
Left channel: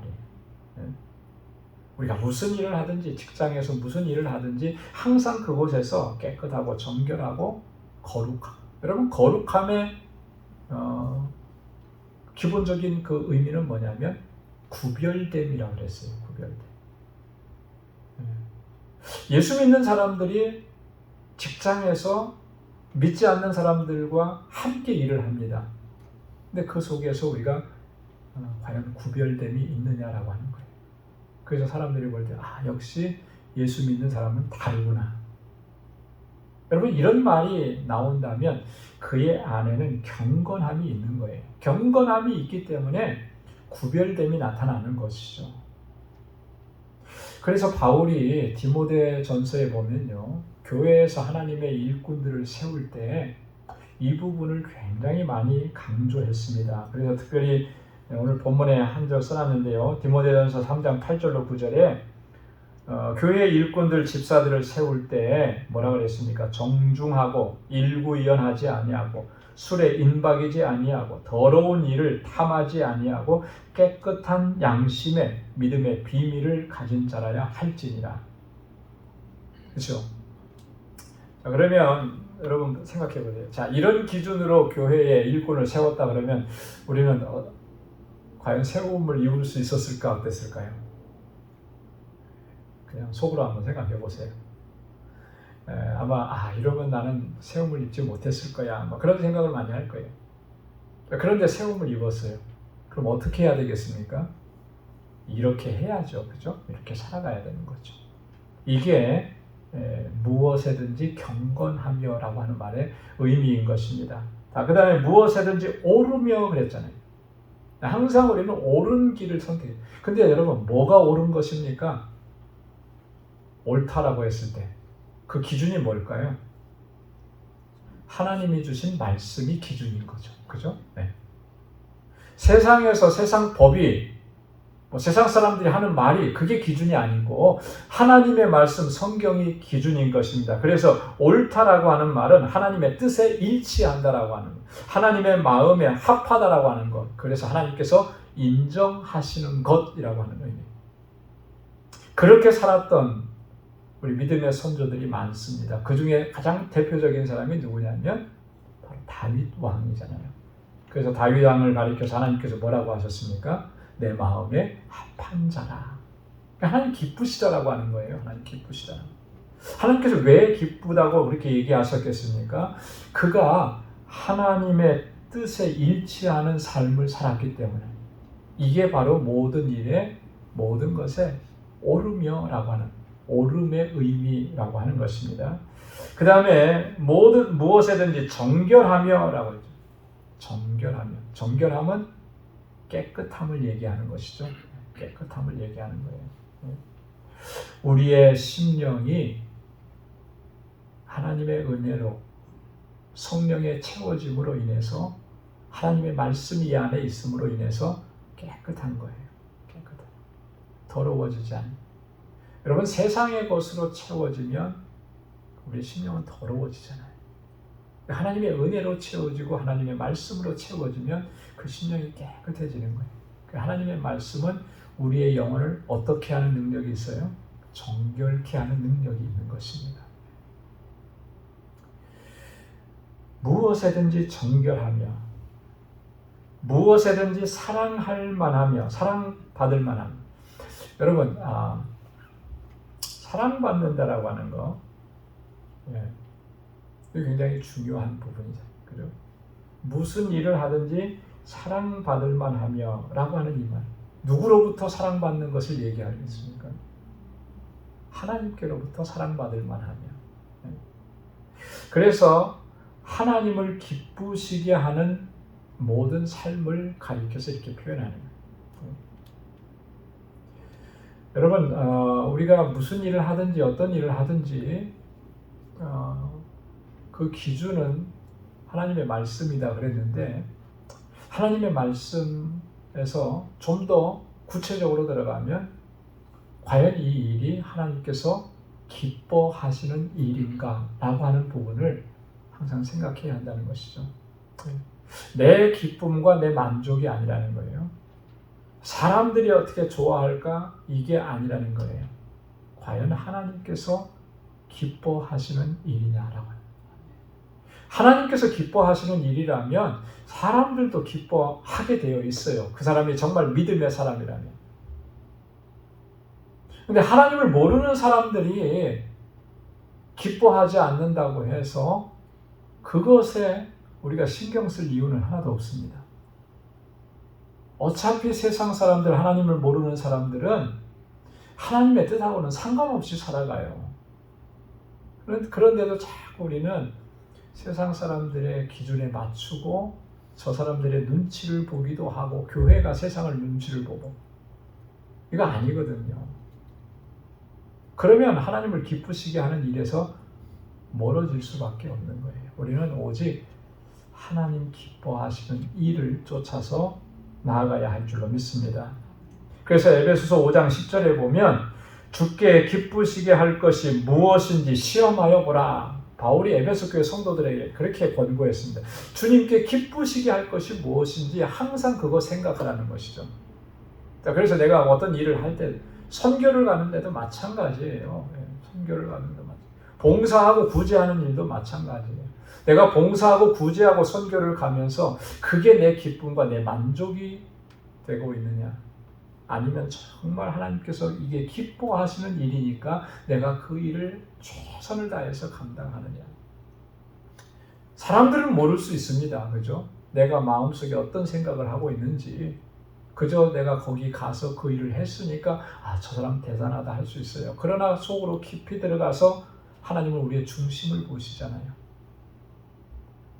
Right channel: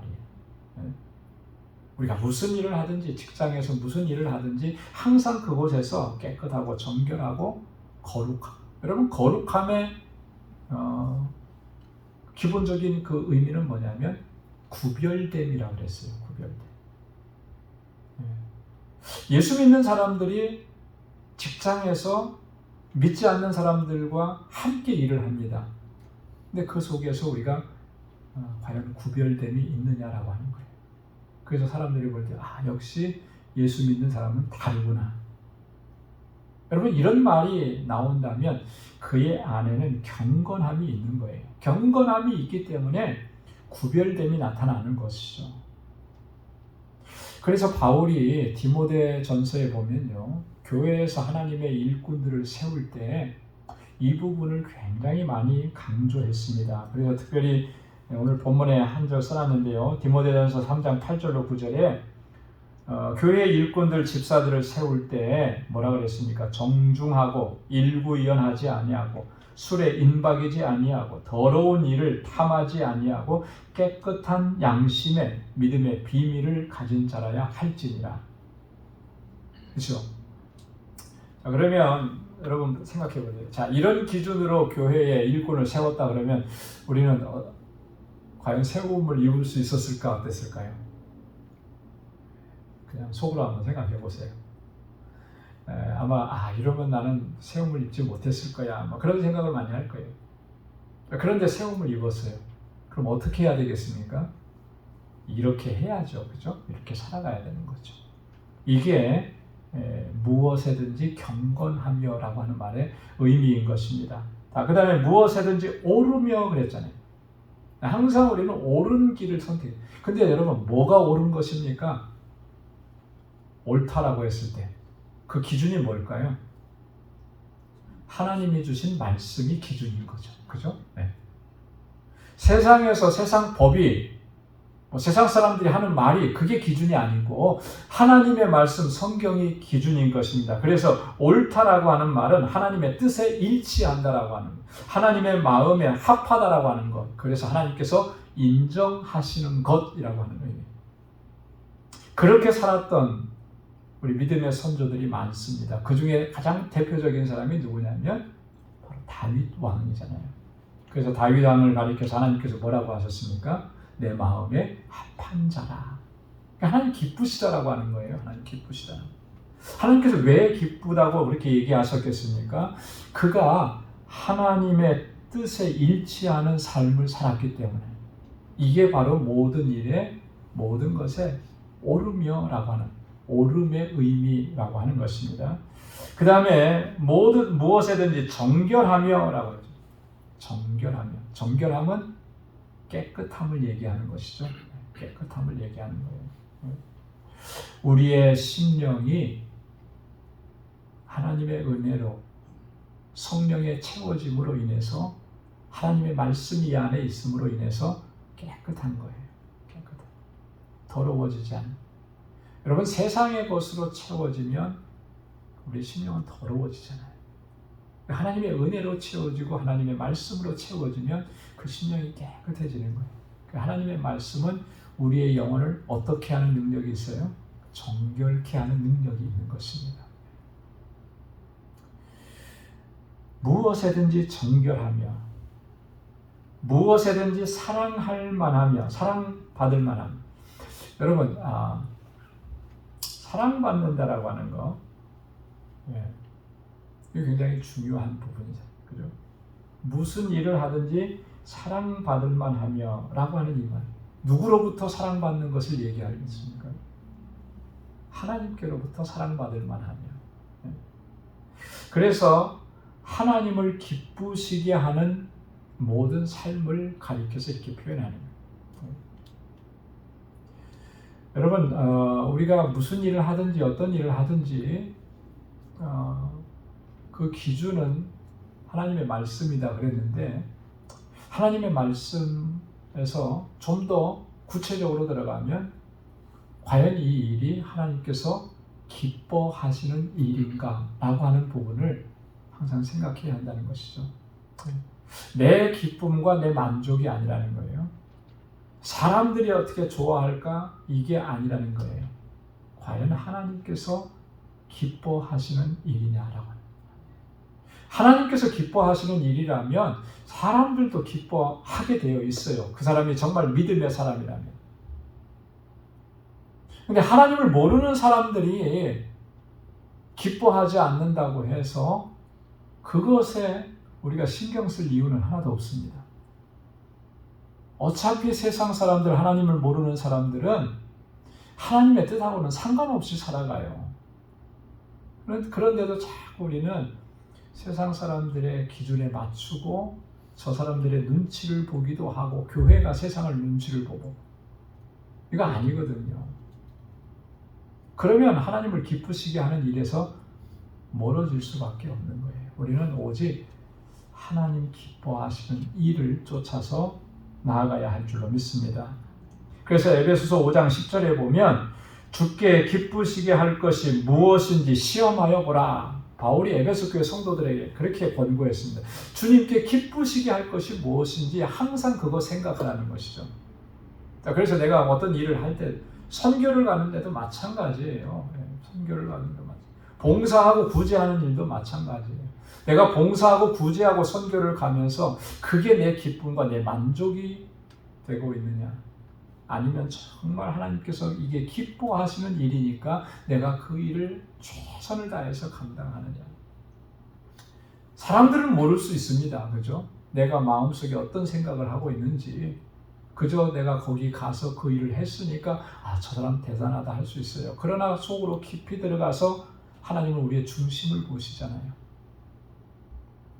우리가 무슨 일을 하든지, 직장에서 무슨 일을 하든지 항상 그곳에서 깨끗하고 정결하고 거룩함. 여러분, 거룩함의 기본적인 그 의미는 뭐냐면 구별됨이라고 그랬어요. 구별됨. 예수 믿는 사람들이 직장에서 믿지 않는 사람들과 함께 일을 합니다. 근데 그 속에서 우리가 과연 구별됨이 있느냐라고 하는 거예요. 그래서 사람들이 볼 때 역시 예수 믿는 사람은 다르구나. 여러분, 이런 말이 나온다면 그의 안에는 경건함이 있는 거예요. 경건함이 있기 때문에 구별됨이 나타나는 것이죠. 그래서 바울이 디모데 전서에 보면요, 교회에서 하나님의 일꾼들을 세울 때 이 부분을 굉장히 많이 강조했습니다. 그래서 특별히 오늘 본문에 한 절 써놨는데요, 디모데전서 3장 8절로 9절에 교회 일꾼들 집사들을 세울 때 뭐라고 그랬습니까? 정중하고 일구이연하지 아니하고 술에 인박이지 아니하고 더러운 일을 탐하지 아니하고 깨끗한 양심의 믿음의 비밀을 가진 자라야 할지니라. 그렇죠? 그러면 여러분 생각해 보세요. 자, 이런 기준으로 교회에 일꾼을 세웠다 그러면 우리는 과연 세움을 입을 수 있었을까, 어땠을까요? 그냥 속으로 한번 생각해 보세요. 아마 이러면 나는 세움을 입지 못했을 거야, 뭐 그런 생각을 많이 할 거예요. 그런데 세움을 입었어요. 그럼 어떻게 해야 되겠습니까? 이렇게 해야죠, 그죠? 이렇게 살아가야 되는 거죠. 이게 무엇에든지 경건하며라고 하는 말의 의미인 것입니다. 그 다음에 무엇에든지 오르며 그랬잖아요. 항상 우리는 옳은 길을 선택해요. 근데 여러분, 뭐가 옳은 것입니까? 옳다라고 했을 때 그 기준이 뭘까요? 하나님이 주신 말씀이 기준인 거죠. 그죠? 네. 세상에서 세상 법이, 세상 사람들이 하는 말이 그게 기준이 아니고 하나님의 말씀, 성경이 기준인 것입니다. 그래서 옳다라고 하는 말은 하나님의 뜻에 일치한다라고 하는 것, 하나님의 마음에 합하다라고 하는 것, 그래서 하나님께서 인정하시는 것이라고 하는 의미. 그렇게 살았던 우리 믿음의 선조들이 많습니다. 그 중에 가장 대표적인 사람이 누구냐면 바로 다윗 왕이잖아요. 그래서 다윗 왕을 가리켜서 하나님께서 뭐라고 하셨습니까? 내 마음에 합한 자라. 하나님 기쁘시다라고 하는 거예요. 하나님 기쁘시다. 하나님께서 왜 기쁘다고 그렇게 얘기하셨겠습니까? 그가 하나님의 뜻에 일치하는 삶을 살았기 때문에. 이게 바로 모든 일에, 모든 것에 오르며라고 하는, 오름의 의미라고 하는 것입니다. 그 다음에 무엇에든지 정결하며라고 하죠. 정결하며. 정결함은 깨끗함을 얘기하는 것이죠. 깨끗함을 얘기하는 거예요. 우리의 심령이 하나님의 은혜로, 성령의 채워짐으로 인해서, 하나님의 말씀이 안에 있음으로 인해서 깨끗한 거예요. 깨끗한. 더러워지지 않는. 여러분, 세상의 것으로 채워지면 우리 심령은 더러워지잖아요. 하나님의 은혜로 채워지고 하나님의 말씀으로 채워지면 그 심령이 깨끗해지는 거예요. 하나님의 말씀은 우리의 영혼을 어떻게 하는 능력이 있어요? 정결케 하는 능력이 있는 것입니다. 무엇에든지 정결하며, 무엇에든지 사랑할 만하며, 사랑받을 만하며. 여러분, 사랑받는다라고 하는 거, 이게 굉장히 중요한 부분이죠. 그죠? 무슨 일을 하든지 사랑받을 만하며 라고 하는 이 말. 누구로부터 사랑받는 것을 얘기하겠습니까? 하나님께로부터 사랑받을 만하며. 그래서 하나님을 기쁘시게 하는 모든 삶을 가리켜서 이렇게 표현하는 거예요. 여러분, 우리가 무슨 일을 하든지 어떤 일을 하든지 그 기준은 하나님의 말씀이다 그랬는데, 하나님의 말씀에서 좀 더 구체적으로 들어가면 과연 이 일이 하나님께서 기뻐하시는 일인가 라고 하는 부분을 항상 생각해야 한다는 것이죠. 내 기쁨과 내 만족이 아니라는 거예요. 사람들이 어떻게 좋아할까? 이게 아니라는 거예요. 과연 하나님께서 기뻐하시는 일이냐라고. 하나님께서 기뻐하시는 일이라면 사람들도 기뻐하게 되어 있어요. 그 사람이 정말 믿음의 사람이라면. 근데 하나님을 모르는 사람들이 기뻐하지 않는다고 해서 그것에 우리가 신경 쓸 이유는 하나도 없습니다. 어차피 세상 사람들, 하나님을 모르는 사람들은 하나님의 뜻하고는 상관없이 살아가요. 그런데도 자꾸 우리는 세상 사람들의 기준에 맞추고 저 사람들의 눈치를 보기도 하고, 교회가 세상을 눈치를 보고, 이거 아니거든요. 그러면 하나님을 기쁘시게 하는 일에서 멀어질 수밖에 없는 거예요. 우리는 오직 하나님 기뻐하시는 일을 쫓아서 나아가야 할 줄로 믿습니다. 그래서 에베소서 5장 10절에 보면 주께 기쁘시게 할 것이 무엇인지 시험하여 보라. 바울이 에베소 교회 성도들에게 그렇게 권고했습니다. 주님께 기쁘시게 할 것이 무엇인지 항상 그거 생각하라는 것이죠. 그래서 내가 어떤 일을 할 때, 선교를 가는 데도 마찬가지예요. 선교를 가는 데도 마찬가지예요. 봉사하고 구제하는 일도 마찬가지예요. 내가 봉사하고 구제하고 선교를 가면서 그게 내 기쁨과 내 만족이 되고 있느냐, 아니면 정말 하나님께서 이게 기뻐하시는 일이니까 내가 그 일을 최선을 다해서 감당하느냐. 사람들은 모를 수 있습니다. 그죠? 내가 마음속에 어떤 생각을 하고 있는지, 그저 내가 거기 가서 그 일을 했으니까 저 사람 대단하다 할 수 있어요. 그러나 속으로 깊이 들어가서 하나님은 우리의 중심을 보시잖아요.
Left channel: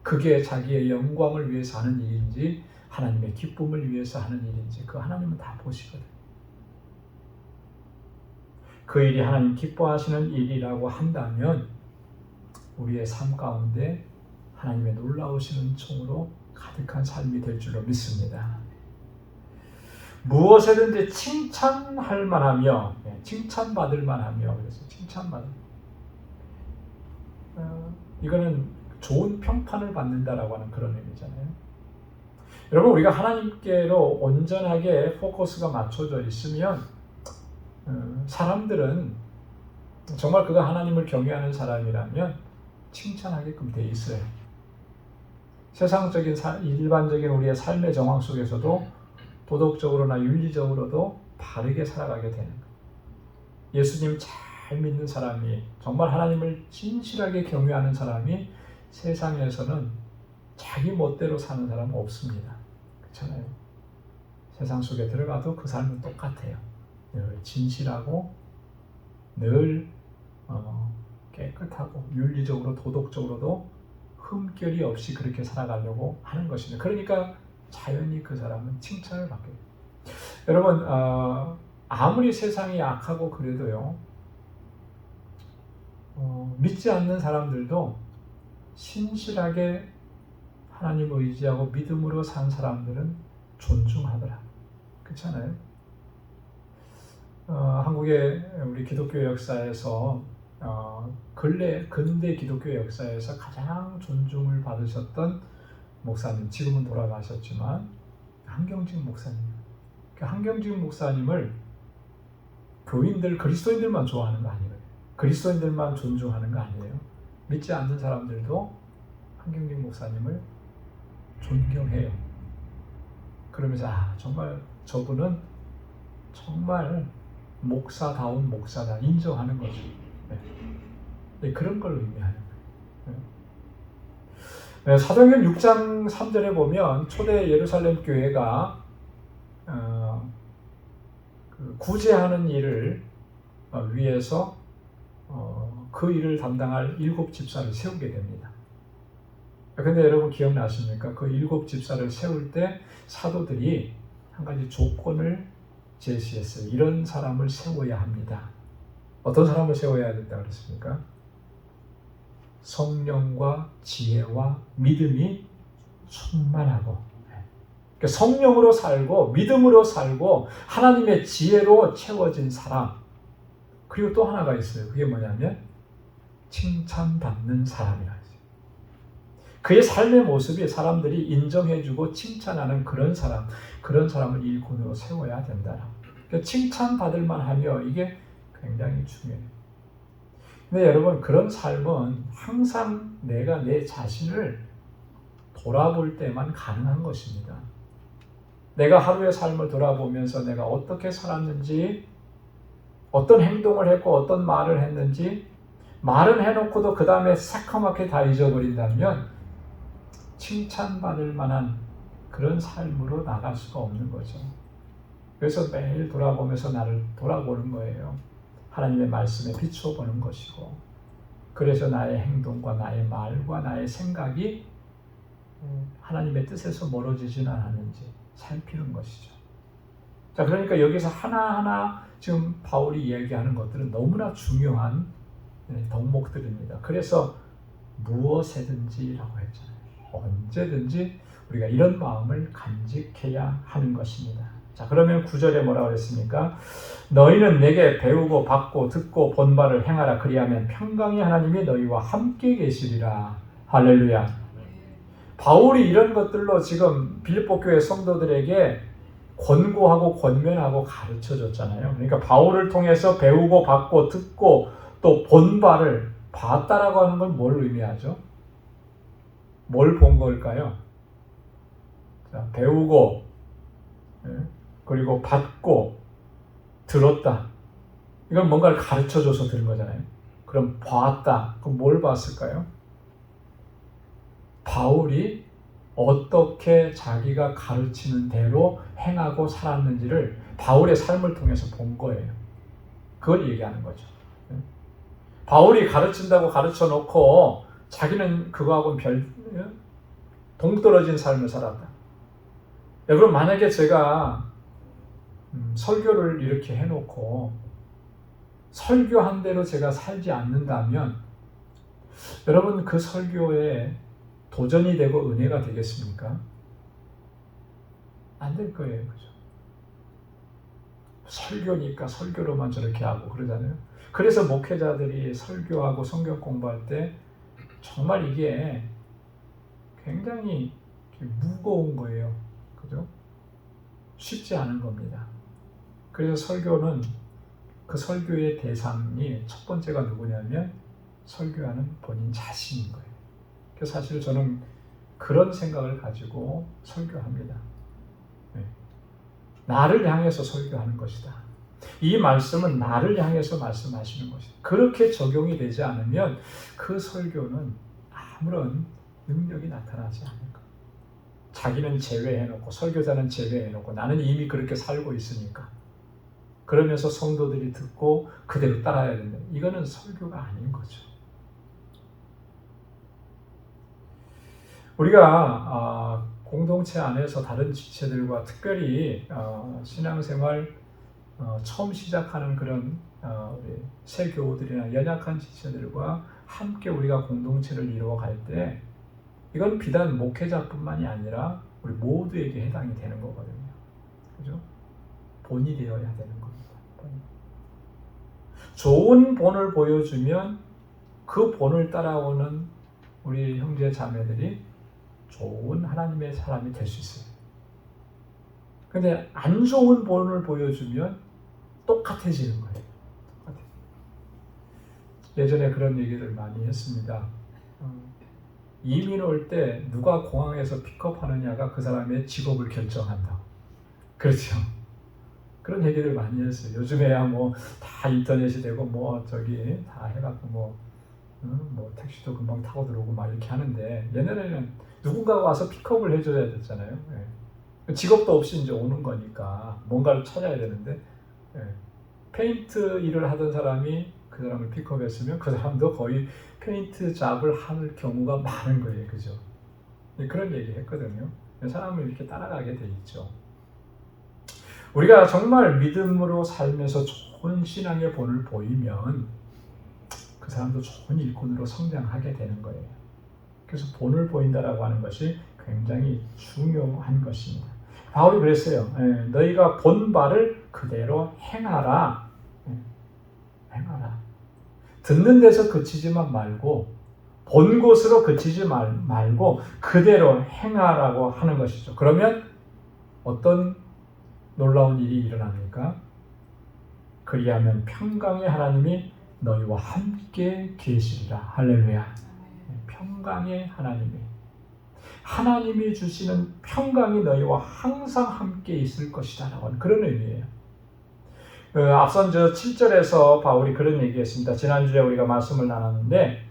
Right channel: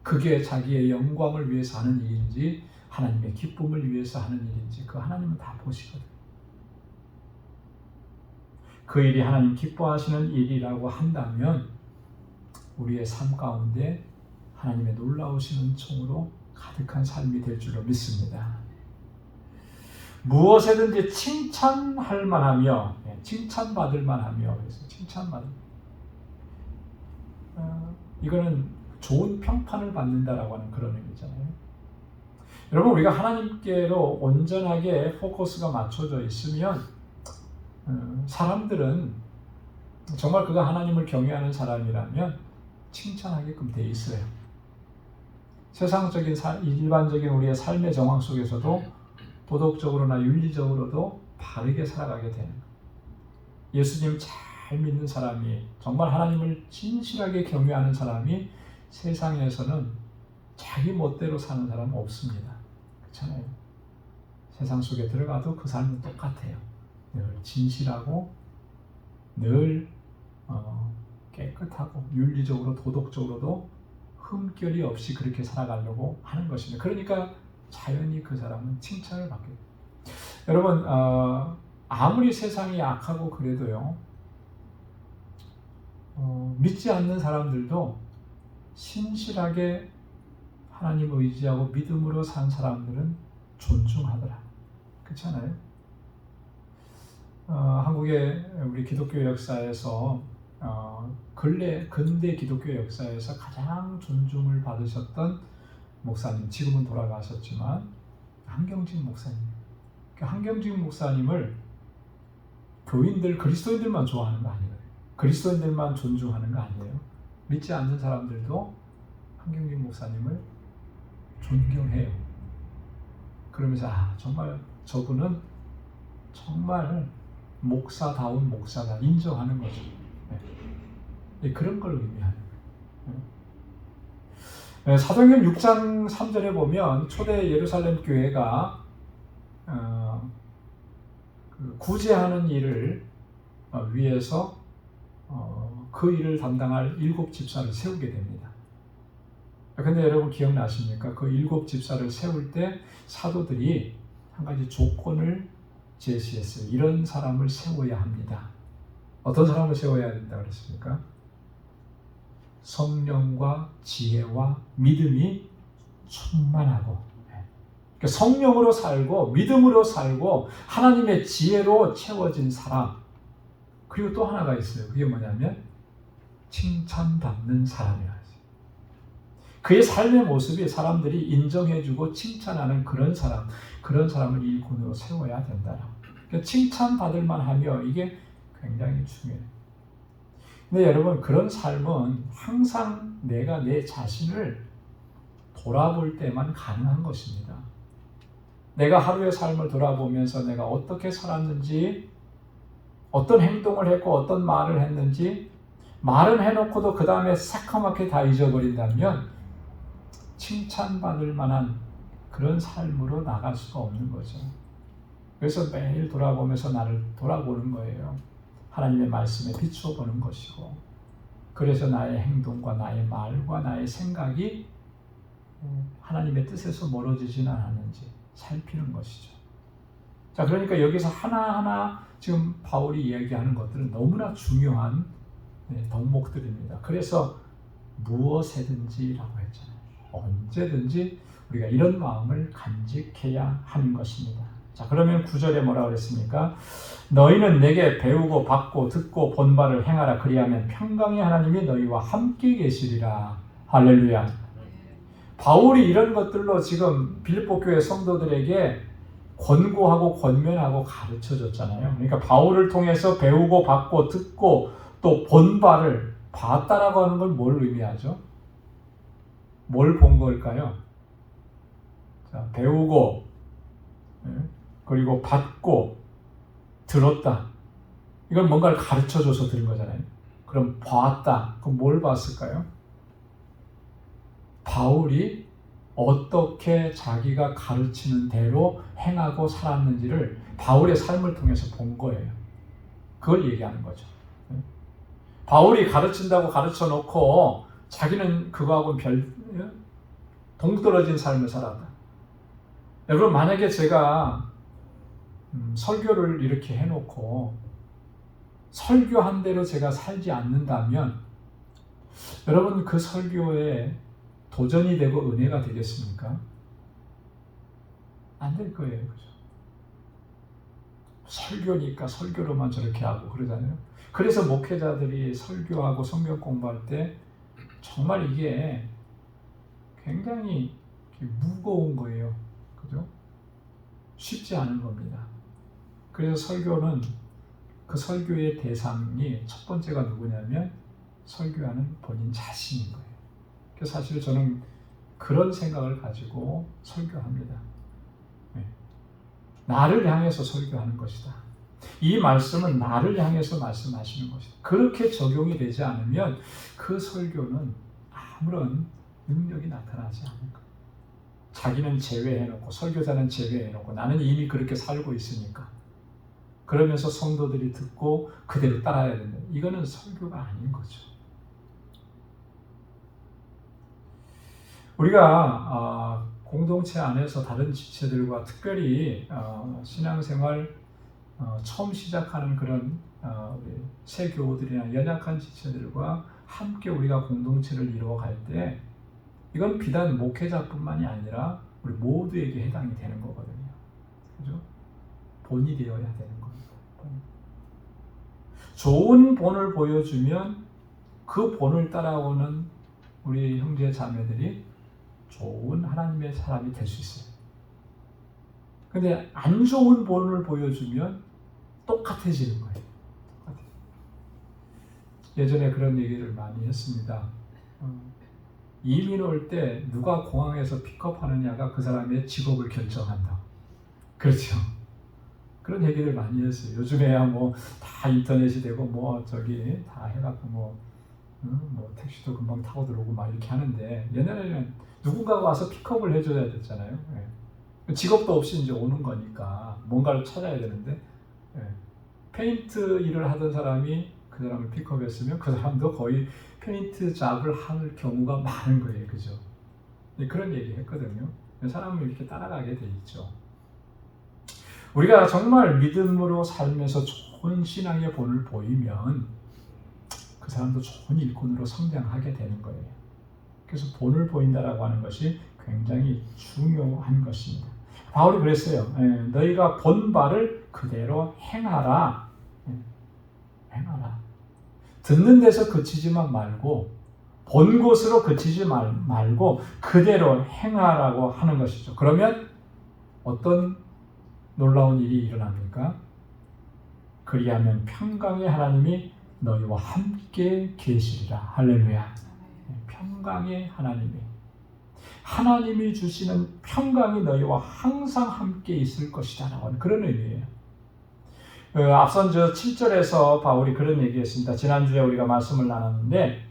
그게 자기의 영광을 위해서 하는 일인지 하나님의 기쁨을 위해서 하는 일인지 그 하나님은 다 보시거든요. 그 일이 하나님 기뻐하시는 일이라고 한다면 우리의 삶 가운데 하나님의 놀라우신 은총으로 가득한 삶이 될 줄로 믿습니다. 무엇에든지 칭찬할 만하며, 칭찬받을 만하며, 그래서 칭찬받을. 이거는 좋은 평판을 받는다라고 하는 그런 의미잖아요. 여러분, 우리가 하나님께로 온전하게 포커스가 맞춰져 있으면 사람들은 정말 그가 하나님을 경외하는 사람이라면 칭찬하게끔 돼 있어요. 세상적인 일반적인 우리의 삶의 정황 속에서도 도덕적으로나 윤리적으로도 바르게 살아가게 되는 거예요. 예수님 잘 믿는 사람이, 정말 하나님을 진실하게 경외하는 사람이 세상에서는 자기 멋대로 사는 사람은 없습니다. 그렇잖아요. 세상 속에 들어가도 그 사람은 똑같아요. 늘 진실하고 늘 깨끗하고 윤리적으로 도덕적으로도 흠결이 없이 그렇게 살아가려고 하는 것입니다. 그러니까 자연히 그 사람은 칭찬을 받게 돼요. 여러분, 아무리 세상이 악하고 그래도요, 믿지 않는 사람들도 신실하게 하나님 의지하고 믿음으로 산 사람들은 존중하더라. 그렇잖아요. 한국의 우리 기독교 역사에서 근대 기독교 역사에서 가장 존중을 받으셨던 목사님, 지금은 돌아가셨지만 한경직 목사님. 그 한경직 목사님을 교인들, 그리스도인들만 좋아하는 거 아니에요. 그리스도인들만 존중하는 거 아니에요. 믿지 않는 사람들도 한경직 목사님을 존경해요. 그러면서 정말 저분은 정말 목사다운 목사다 인정하는 거죠. 네, 그런 걸 의미하는 거예요. 사도행전 6장 3절에 보면 초대 예루살렘 교회가 구제하는 일을 위해서 그 일을 담당할 7 집사를 세우게 됩니다. 근데 여러분 기억나십니까? 그 7 집사를 세울 때 사도들이 한 가지 조건을 제시했어요. 이런 사람을 세워야 합니다. 어떤 사람을 세워야 된다고 그랬습니까? 성령과 지혜와 믿음이 충만하고, 그러니까 성령으로 살고 믿음으로 살고 하나님의 지혜로 채워진 사람. 그리고 또 하나가 있어요. 그게 뭐냐면 칭찬받는 사람이라고. 그의 삶의 모습이 사람들이 인정해주고 칭찬하는 그런 사람을 일꾼으로 세워야 된다. 그러니까 칭찬받을 만하며 이게 굉장히 중요해요. 근데 여러분 그런 삶은 항상 내가 내 자신을 돌아볼 때만 가능한 것입니다. 내가 하루의 삶을 돌아보면서 내가 어떻게 살았는지, 어떤 행동을 했고 어떤 말을 했는지, 말은 해놓고도 그 다음에 새까맣게 다 잊어버린다면 칭찬받을 만한 그런 삶으로 나갈 수가 없는 거죠. 그래서 매일 돌아보면서 나를 돌아보는 거예요. 하나님의 말씀에 비춰보는 것이고, 그래서 나의 행동과 나의 말과 나의 생각이 하나님의 뜻에서 멀어지지는 않았는지 살피는 것이죠. 자, 그러니까 여기서 하나하나 지금 바울이 이야기하는 것들은 너무나 중요한 덕목들입니다. 그래서 무엇에든지라고 했잖아요. 언제든지 우리가 이런 마음을 간직해야 하는 것입니다. 자, 그러면 9절에 뭐라고 했습니까? 너희는 내게 배우고 받고 듣고 본 바를 행하라. 그리하면 평강의 하나님이 너희와 함께 계시리라. 할렐루야. 바울이 이런 것들로 지금 빌립보 교회 성도들에게 권고하고 권면하고 가르쳐줬잖아요. 그러니까 바울을 통해서 배우고 받고 듣고 또 본 바를 봤다라고 하는 건 뭘 의미하죠? 뭘 본 걸까요? 자, 배우고 그리고 받고 들었다. 이건 뭔가를 가르쳐줘서 들은 거잖아요. 그럼 봤다. 그럼 뭘 봤을까요? 바울이 어떻게 자기가 가르치는 대로 행하고 살았는지를 바울의 삶을 통해서 본 거예요. 그걸 얘기하는 거죠. 바울이 가르친다고 가르쳐 놓고 자기는 그거하고는 동떨어진 삶을 살았다. 여러분 만약에 제가 설교를 이렇게 해놓고 설교한 대로 제가 살지 않는다면 여러분 그 설교에 도전이 되고 은혜가 되겠습니까? 안 될 거예요. 설교니까 설교로만 저렇게 하고 그러잖아요. 그래서 목회자들이 설교하고 성경 공부할 때 정말 이게 굉장히 무거운 거예요. 그죠? 쉽지 않은 겁니다. 그래서 설교는 그 설교의 대상이 첫 번째가 누구냐면 설교하는 본인 자신인 거예요. 그래서 사실 저는 그런 생각을 가지고 설교합니다. 나를 향해서 설교하는 것이다. 이 말씀은 나를 향해서 말씀하시는 것이다. 그렇게 적용이 되지 않으면 그 설교는 아무런 능력이 나타나지 않을 거예요. 자기는 제외해놓고 설교자는 제외해놓고 나는 이미 그렇게 살고 있으니까 그러면서 성도들이 듣고 그대로 따라야 된다. 이거는 설교가 아닌 거죠. 우리가 공동체 안에서 다른 지체들과 특별히 신앙생활 처음 시작하는 그런 우리 새 교우들이나 연약한 지체들과 함께 우리가 공동체를 이루어갈 때 이건 비단 목회자뿐만이 아니라 우리 모두에게 해당이 되는 거거든요. 그죠? 본이 되어야 되는 겁니다. 좋은 본을 보여주면 그 본을 따라오는 우리 형제 자매들이 좋은 하나님의 사람이 될 수 있어요. 근데 안 좋은 본을 보여주면 똑같아지는 거예요. 예전에 그런 얘기들 많이 했습니다. 이민 올 때 누가 공항에서 픽업하느냐가 그 사람의 직업을 결정한다. 그렇죠. 그런 얘기들 많이 했어요. 요즘에야 뭐 다 인터넷이 되고 뭐 저기 다 해갖고 뭐 뭐 택시도 금방 타고 들어오고 막 이렇게 하는데 옛날에는 누군가가 와서 픽업을 해줘야 됐잖아요. 예. 직업도 없이 이제 오는 거니까 뭔가를 찾아야 되는데 예. 페인트 일을 하던 사람이 그 사람을 픽업했으면 그 사람도 거의 페인트 잡을 할 경우가 많은 거예요, 그죠? 예, 그런 얘기 했거든요. 사람을 이렇게 따라가게 돼 있죠. 우리가 정말 믿음으로 살면서 좋은 신앙의 본을 보이면 그 사람도 좋은 일꾼으로 성장하게 되는 거예요. 그래서 본을 보인다라고 하는 것이 굉장히 중요한 것입니다. 바울이 그랬어요. 너희가 본 바를 그대로 행하라. 행하라. 듣는 데서 그치지만 말고 본 곳으로 그치지 말고 그대로 행하라고 하는 것이죠. 그러면 어떤 놀라운 일이 일어납니까? 그리하면 평강의 하나님이 너희와 함께 계시리라. 할렐루야. 평강의 하나님이 주시는 평강이 너희와 항상 함께 있을 것이다 라고 하는 그런 의미예요. 앞선 7절에서 바울이 그런 얘기했습니다. 지난주에 우리가 말씀을 나눴는데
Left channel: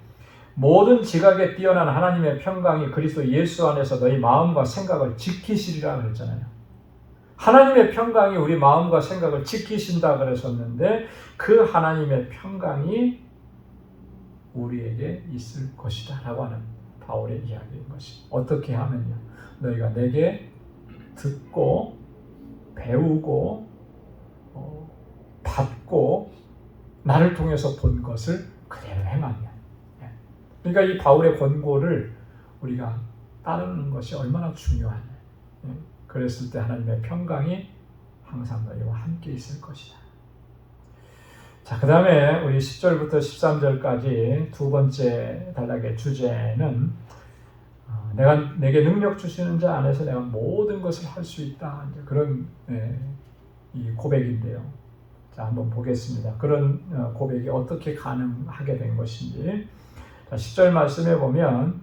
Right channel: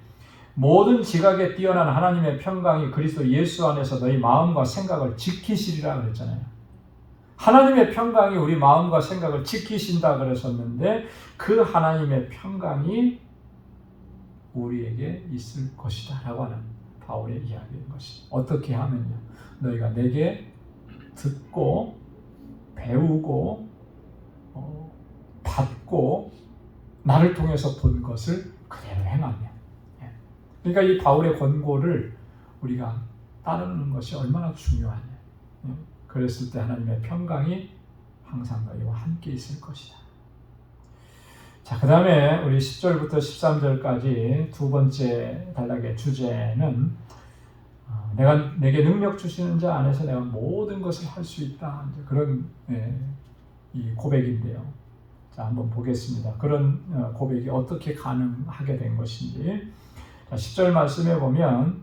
모든 지각에 뛰어난 하나님의 평강이 그리스도 예수 안에서 너희 마음과 생각을 지키시리라 그랬잖아요. 하나님의 평강이 우리 마음과 생각을 지키신다 그랬었는데 그 하나님의 평강이 우리에게 있을 것이다 라고 하는 바울의 이야기인 것이 어떻게 하면요. 너희가 내게 듣고 배우고 받고 나를 통해서 본 것을 그대로 행하면 그러니까 이 바울의 권고를 우리가 따르는 것이 얼마나 중요하냐. 그랬을 때 하나님의 평강이 항상 너희와 함께 있을 것이다. 자, 그 다음에 우리 10절부터 13절까지 두 번째 단락의 주제는 내게 능력 주시는 자 안에서 내가 모든 것을 할 수 있다. 이제 그런 이 고백인데요. 자, 한번 보겠습니다. 그런 고백이 어떻게 가능하게 된 것인지. 자, 10절 말씀에 보면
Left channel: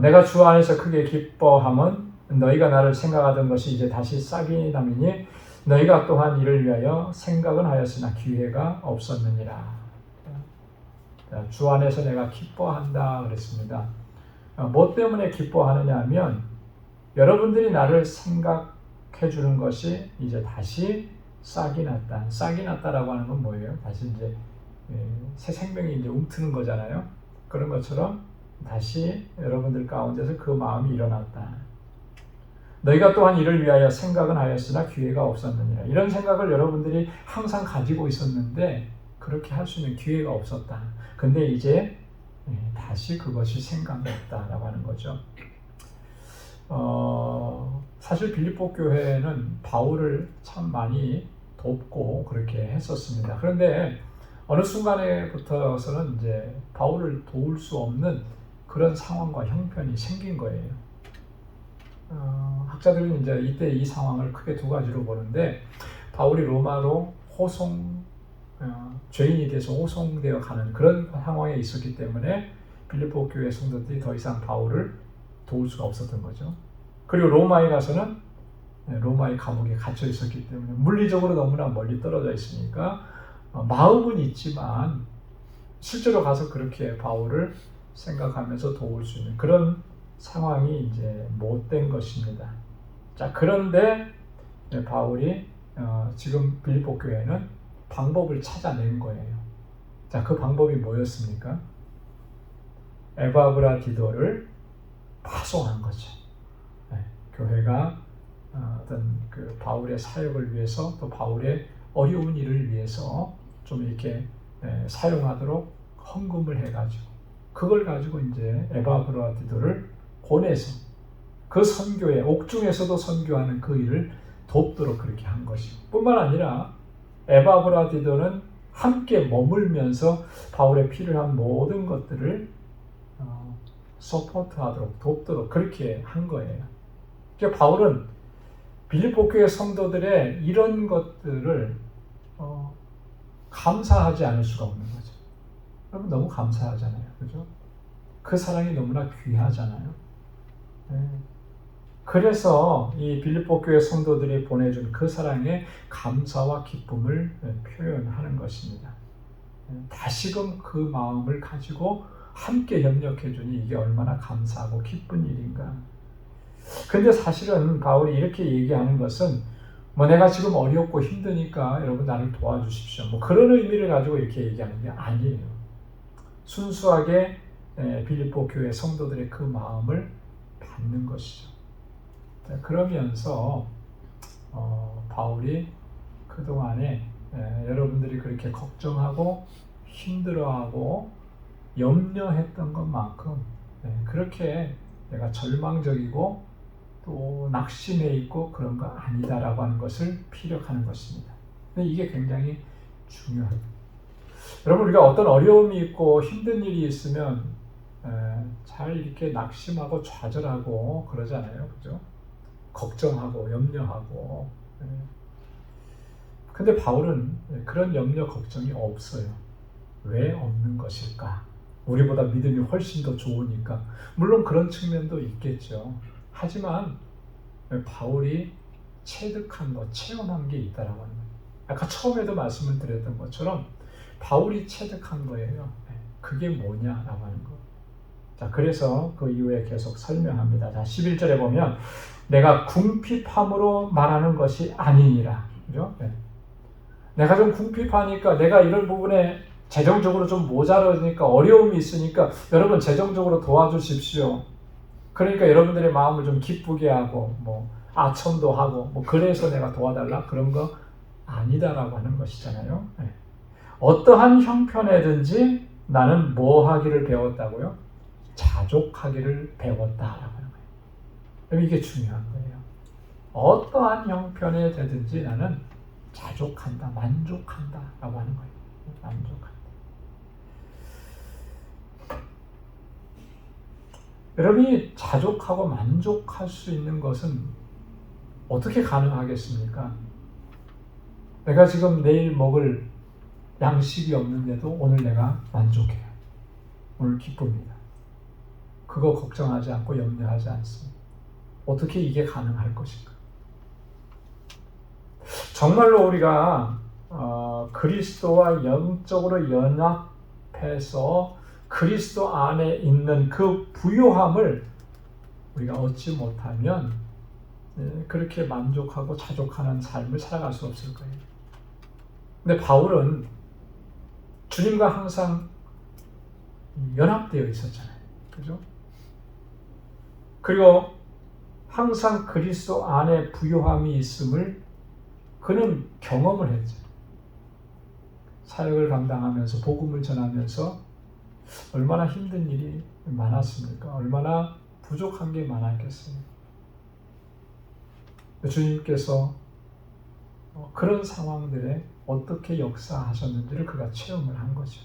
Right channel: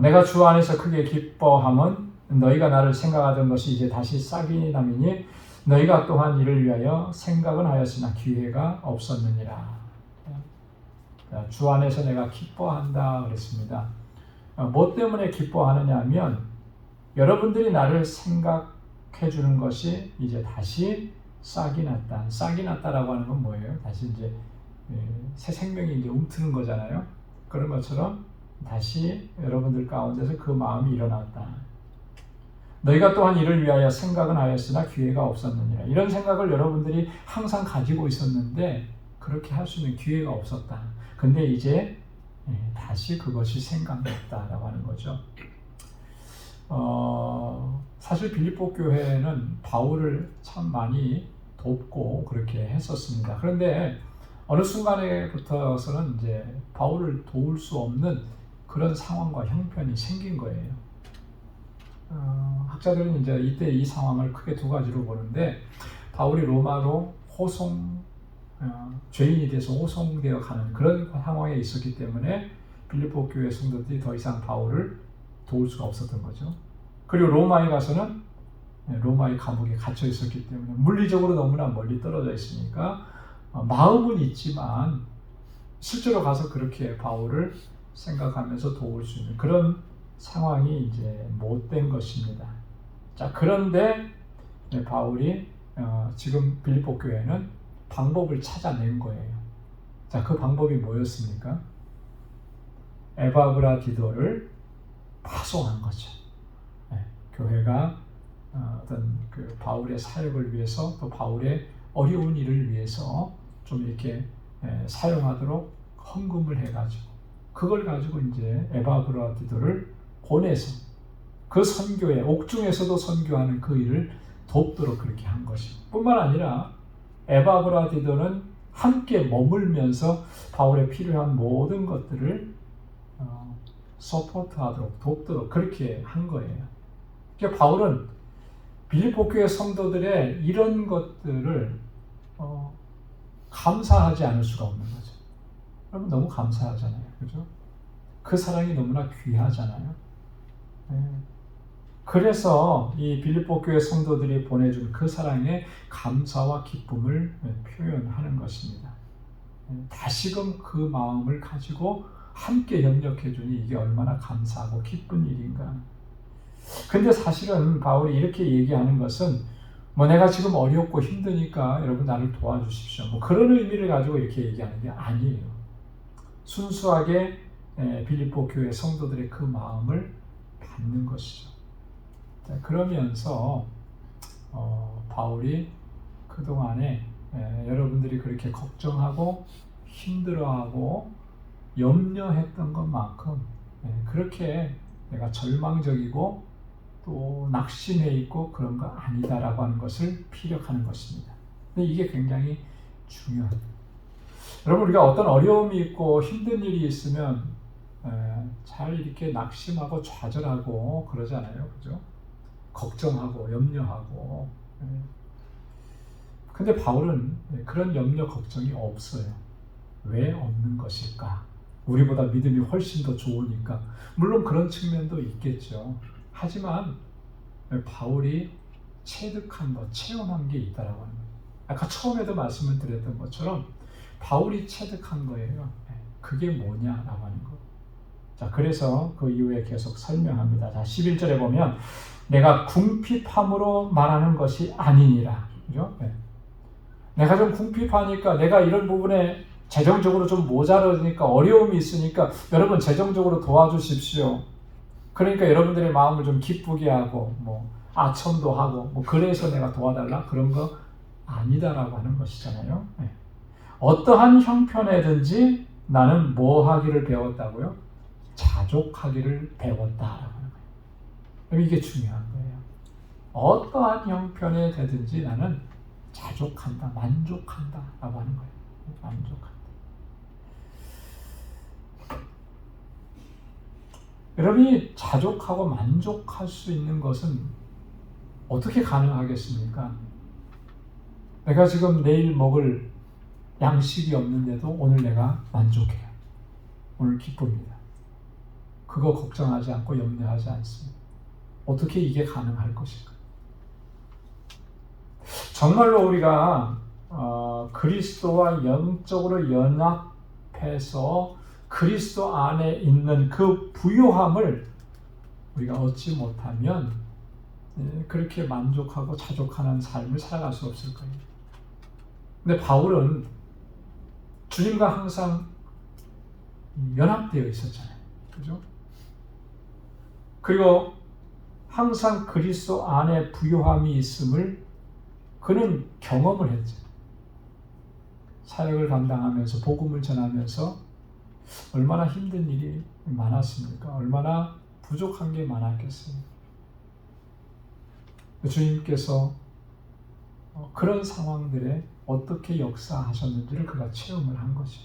내가 주 안에서 크게 기뻐함은 너희가 나를 생각하던 것이 이제 다시 싹이 남이니 너희가 또한 이를 위하여 생각은 하였으나 기회가 없었느니라. 자, 주 안에서 내가 기뻐한다 그랬습니다. 뭐 때문에 기뻐하느냐 하면 여러분들이 나를 생각해 주는 것이 이제 다시 싹이 났다. 싹이 났다라고 하는 건 뭐예요? 다시 이제 새 생명이 이제 움트는 거잖아요. 그런 것처럼 다시 여러분들 가운데서 그 마음이 일어났다. 너희가 또한 이를 위하여 생각은 하였으나 기회가 없었느니라. 이런 생각을 여러분들이 항상 가지고 있었는데 그렇게 할 수 있는 기회가 없었다. 근데 이제 다시 그것이 생각났다라고 하는 거죠. 사실 빌립보 교회는 바울을 참 많이 돕고 그렇게 했었습니다. 그런데 어느 순간에부터서는 이제 바울을 도울 수 없는 그런 상황과 형편이 생긴 거예요. 학자들은 이제 이때 이 상황을 크게 두 가지로 보는데 바울이 로마로 죄인이 돼서 호송되어 가는 그런 상황에 있었기 때문에 빌립보 교회 성도들이 더 이상 바울을 도울 수가 없었던 거죠. 그리고 로마에 가서는 로마의 감옥에 갇혀 있었기 때문에 물리적으로 너무나 멀리 떨어져 있으니까 마음은 있지만 실제로 가서 그렇게 바울을 생각하면서 도울 수 있는 그런 상황이 이제 못된 것입니다. 자, 그런데 바울이 지금 빌립보 교회는 방법을 찾아낸 거예요. 자, 그 방법이 뭐였습니까? 에바브라디도를 파송한 거죠. 교회가 어떤 그 바울의 사역을 위해서 또 바울의 어려운 일을 위해서 좀 이렇게 사용하도록 헌금을 해가지고 그걸 가지고 이제 에바브라디도를 보내서 그 선교에 옥중에서도 선교하는 그 일을 돕도록 그렇게 한 것이고 뿐만 아니라 에바브라디도는 함께 머물면서 바울의 필요한 모든 것들을 서포트하도록 돕도록 그렇게 한 거예요. 그러니까 바울은 빌립보 교회 성도들의 이런 것들을 감사하지 않을 수가 없는 거죠. 여러분 너무 감사하잖아요, 그죠? 그 사랑이 너무나 귀하잖아요. 그래서 이 빌립보 교회 성도들이 보내준 그 사랑에 감사와 기쁨을 표현하는 것입니다. 다시금 그 마음을 가지고 함께 협력해 주니 이게 얼마나 감사하고 기쁜 일인가. 근데 사실은 바울이 이렇게 얘기하는 것은 뭐 내가 지금 어렵고 힘드니까 여러분 나를 도와주십시오. 뭐 그런 의미를 가지고 이렇게 얘기하는 게 아니에요. 순수하게 빌립보 교회 성도들의 그 마음을 받는 것이죠. 그러면서 바울이 그동안에 여러분들이 그렇게 걱정하고 힘들어하고 염려했던 것만큼 그렇게 내가 절망적이고 또 낙심해 있고 그런 거 아니다라고 하는 것을 피력하는 것입니다. 근데 이게 굉장히 중요합니다. 여러분 우리가 어떤 어려움이 있고 힘든 일이 있으면 잘 이렇게 낙심하고 좌절하고 그러잖아요. 그죠? 걱정하고 염려하고. 근데 바울은 그런 염려 걱정이 없어요. 왜 없는 것일까? 우리보다 믿음이 훨씬 더 좋으니까. 물론 그런 측면도 있겠죠. 하지만 바울이 체득한 것, 체험한 게 있다라고 하는 거예요. 아까 처음에도 말씀을 드렸던 것처럼 바울이 체득한 거예요. 그게 뭐냐라고 하는 거. 자, 그래서 그 이후에 계속 설명합니다. 자, 11절에 보면 내가 궁핍함으로 말하는 것이 아니니라. 그죠? 내가 좀 궁핍하니까 내가 이런 부분에 재정적으로 좀 모자라니까 어려움이 있으니까 여러분 재정적으로 도와주십시오. 그러니까 여러분들의 마음을 좀 기쁘게 하고 뭐 아첨도 하고 뭐 그래서 내가 도와달라 그런 거 아니다라고 하는 것이잖아요. 어떠한 형편에든지 나는 뭐 하기를 배웠다고요? 자족하기를 배웠다라고 하는 거예요. 이게 중요한 거예요. 어떠한 형편에 되든지 나는 자족한다, 만족한다라고 하는 거예요. 만족한다. 여러분이 자족하고 만족할 수 있는 것은 어떻게 가능하겠습니까? 내가 지금 내일 먹을 양식이 없는데도 오늘 내가 만족해요. 오늘 기쁩니다. 그거 걱정하지 않고 염려하지 않습니다. 어떻게 이게 가능할 것인가? 정말로 우리가 그리스도와 영적으로 연합해서 그리스도 안에 있는 그 부요함을 우리가 얻지 못하면 그렇게 만족하고 자족하는 삶을 살아갈 수 없을 거예요. 근데 바울은 주님과 항상 연합되어 있었잖아요. 그죠? 그리고 항상 그리스도 안에 부요함이 있음을 그는 경험을 했죠. 사역을 감당하면서 복음을 전하면서 얼마나 힘든 일이 많았습니까? 얼마나 부족한 게 많았겠어요. 주님께서 그런 상황들에 어떻게 역사하셨는지를 그가 체험을 한 거죠.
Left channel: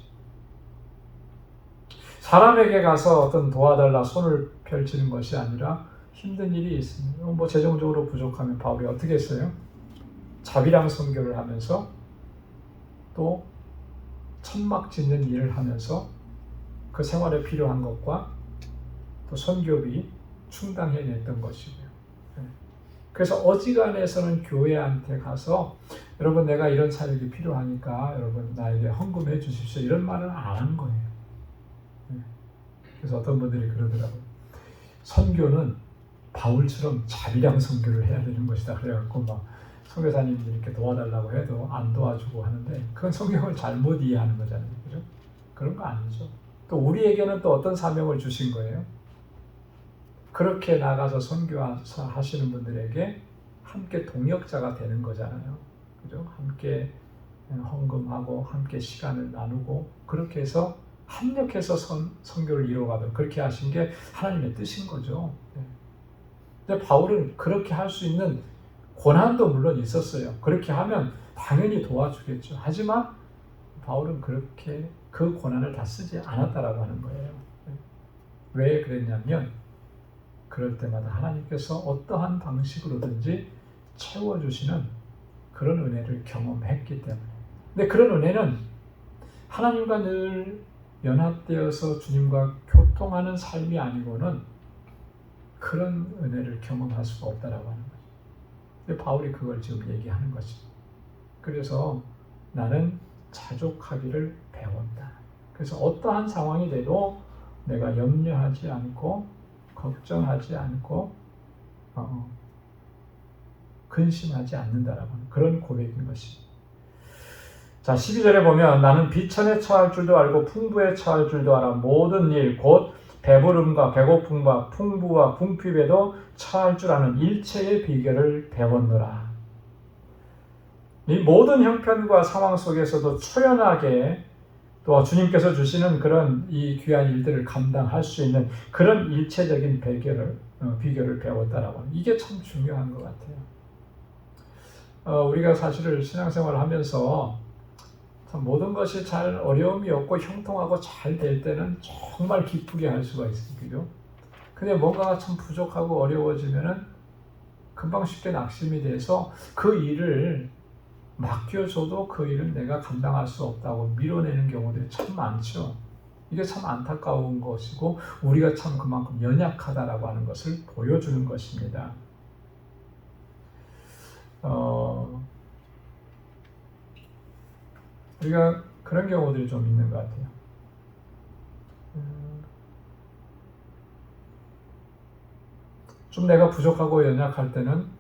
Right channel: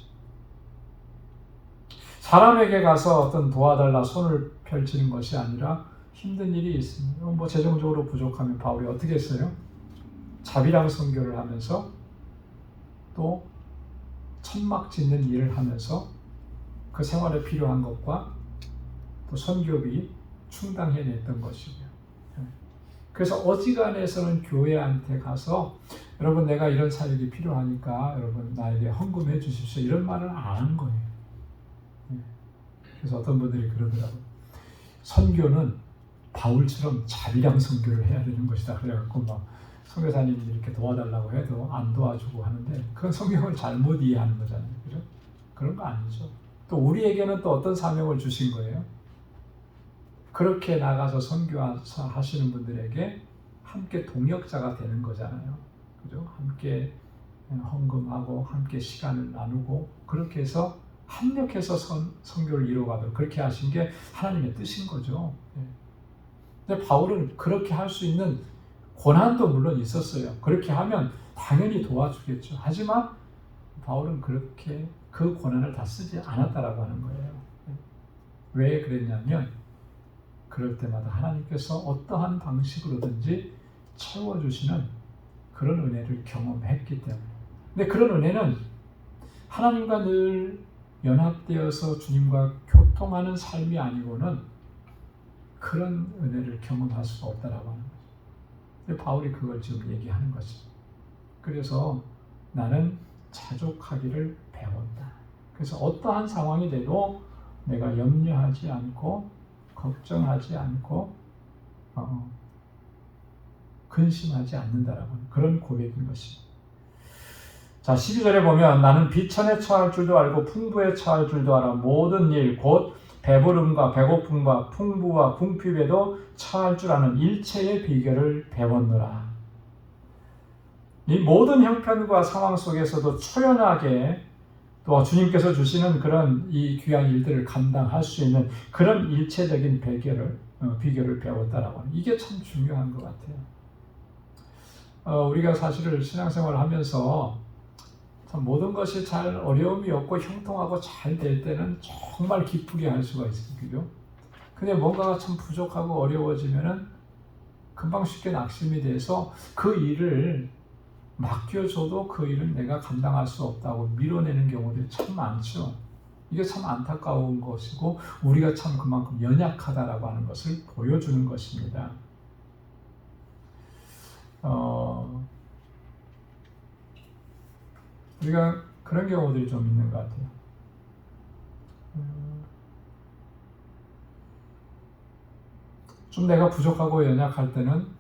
사람에게 가서 어떤 도와달라 손을 펼치는 것이 아니라 힘든 일이 있습니다. 뭐 재정적으로 부족하면 바울이 어떻게 했어요? 자비랑 선교를 하면서 또 천막 짓는 일을 하면서 그 생활에 필요한 것과 또 선교비 충당해냈던 것이고요. 그래서 어지간해서는 교회한테 가서 여러분 내가 이런 사역이 필요하니까 여러분 나에게 헌금해 주십시오 이런 말을 안 하는 거예요. 그래서 어떤 분들이 그러더라고요. 선교는 바울처럼 자비랑 선교를 해야 되는 것이다. 그래갖고 막 선교사님들이 이렇게 도와달라고 해도 안 도와주고 하는데 그건 성경을 잘못 이해하는 거잖아요. 그죠? 그런 거 아니죠. 또 우리에게는 또 어떤 사명을 주신 거예요? 그렇게 나가서 선교하시는 분들에게 함께 동역자가 되는 거잖아요. 그죠? 함께 헌금하고 함께 시간을 나누고 그렇게 해서 합력해서 선교를 이루어가면 그렇게 하신 게 하나님의 뜻인 거죠. 근데 바울은 그렇게 할 수 있는 고난도 물론 있었어요. 그렇게 하면 당연히 도와주겠죠. 하지만 바울은 그렇게 그 고난을 다 쓰지 않았다라고 하는 거예요. 왜 그랬냐면 그럴 때마다 하나님께서 어떠한 방식으로든지 채워주시는 그런 은혜를 경험했기 때문에. 근데 그런 은혜는 하나님과 늘 연합되어서 주님과 교통하는 삶이 아니고는 그런 은혜를 경험할 수가 없다라고 하는 거죠. 근데 바울이 그걸 지금 얘기하는 거죠. 그래서 나는 자족하기를 배웠다. 그래서 어떠한 상황이 돼도 내가 염려하지 않고 걱정하지 않고 근심하지 않는다라고 그런 고백인 것입니다. 자, 12절에 보면 나는 비천에 처할 줄도 알고 풍부에 처할 줄도 알아 모든 일 곧 배부름과 배고픔과 풍부와 궁핍에도 처할 줄 아는 일체의 비결을 배웠노라. 이 모든 형편과 상황 속에서도 초연하게 또 주님께서 주시는 그런 이 귀한 일들을 감당할 수 있는 그런 일체적인 비결을 배웠다라고 하는 이게 참 중요한 것 같아요. 우리가 사실은 신앙생활을 하면서 모든 것이 잘 어려움이 없고 형통하고 잘 될 때는 정말 기쁘게 할 수가 있습니다. 근데 뭔가가 참 부족하고 어려워지면은 금방 쉽게 낙심이 돼서 그 일을 맡겨줘도 그 일은 내가 감당할 수 없다고 밀어내는 경우들이 참 많죠. 이게 참 안타까운 것이고 우리가 참 그만큼 연약하다라고 하는 것을 보여주는 것입니다. 우리가 그런 경우들이 좀 있는 것 같아요. 좀 내가 부족하고 연약할 때는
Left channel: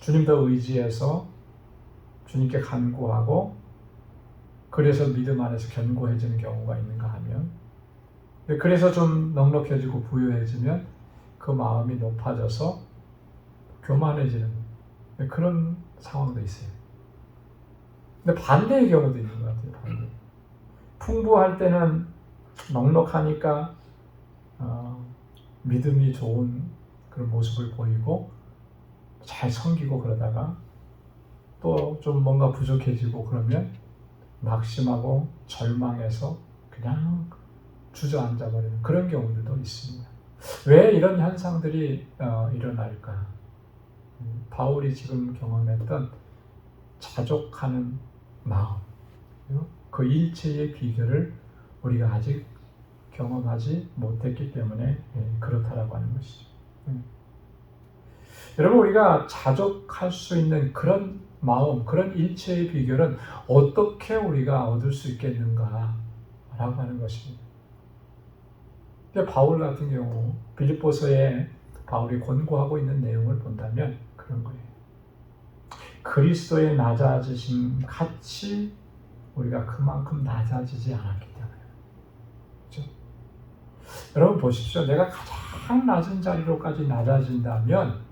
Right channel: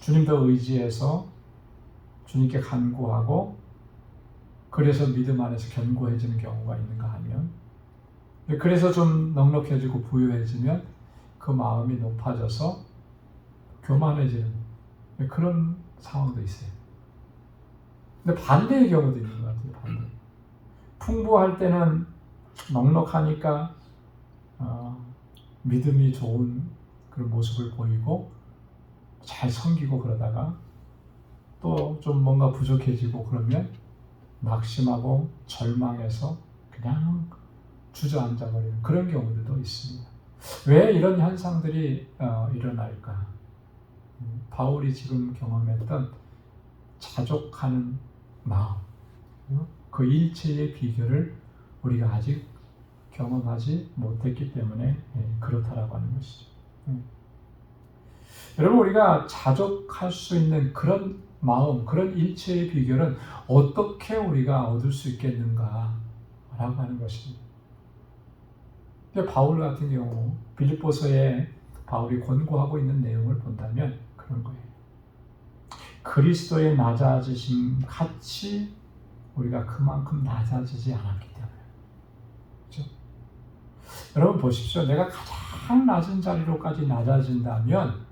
주님 더 의지해서 주님께 간구하고 그래서 믿음 안에서 견고해지는 경우가 있는가 하면 그래서 좀 넉넉해지고 부유해지면 그 마음이 높아져서 교만해지는 그런 상황도 있어요. 근데 반대의 경우도 있는 것 같아요. 반대. 풍부할 때는 넉넉하니까 믿음이 좋은 그런 모습을 보이고 잘 섬기고 그러다가 또 좀 뭔가 부족해지고 그러면 낙심하고 절망해서 그냥 주저앉아버리는 그런 경우들도 있습니다. 왜 이런 현상들이 일어날까? 바울이 지금 경험했던 자족하는 마음, 그 일체의 비결을 우리가 아직 경험하지 못했기 때문에 그렇다라고 하는 것이죠. 여러분, 우리가 자족할 수 있는 그런 마음, 그런 일체의 비결은 어떻게 우리가 얻을 수 있겠는가 라고 하는 것입니다. 바울 같은 경우 빌립보서에 바울이 권고하고 있는 내용을 본다면 그런 거예요. 그리스도의 낮아지심 같이 우리가 그만큼 낮아지지 않았기 때문에. 그렇죠? 여러분 보십시오. 내가 가장 낮은 자리로까지 낮아진다면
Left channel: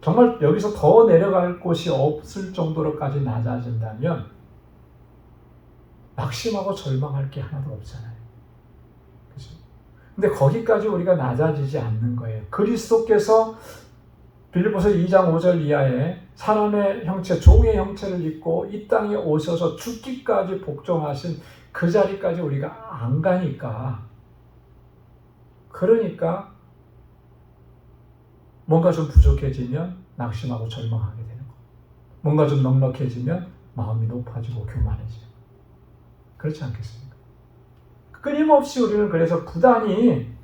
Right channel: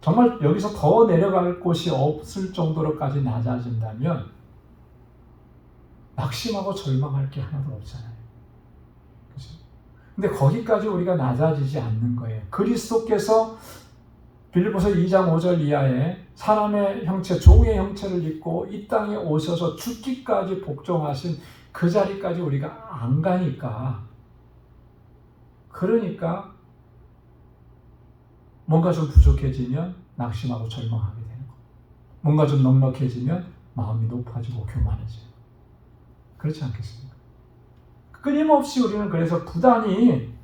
정말 여기서 더 내려갈 곳이 없을 정도로까지 낮아진다면 낙심하고 절망할 게 하나도 없잖아요. 그렇죠? 근데 거기까지 우리가 낮아지지 않는 거예요. 그리스도께서 빌립보서 2장 5절 이하에 사람의 형체, 종의 형체를 입고 이 땅에 오셔서 죽기까지 복종하신 그 자리까지 우리가 안 가니까, 그러니까 뭔가 좀 부족해지면 낙심하고 절망하게 되는 거예요. 뭔가 좀 넉넉해지면 마음이 높아지고 교만해져요. 그렇지 않겠습니까? 끊임없이 우리는 그래서 부단히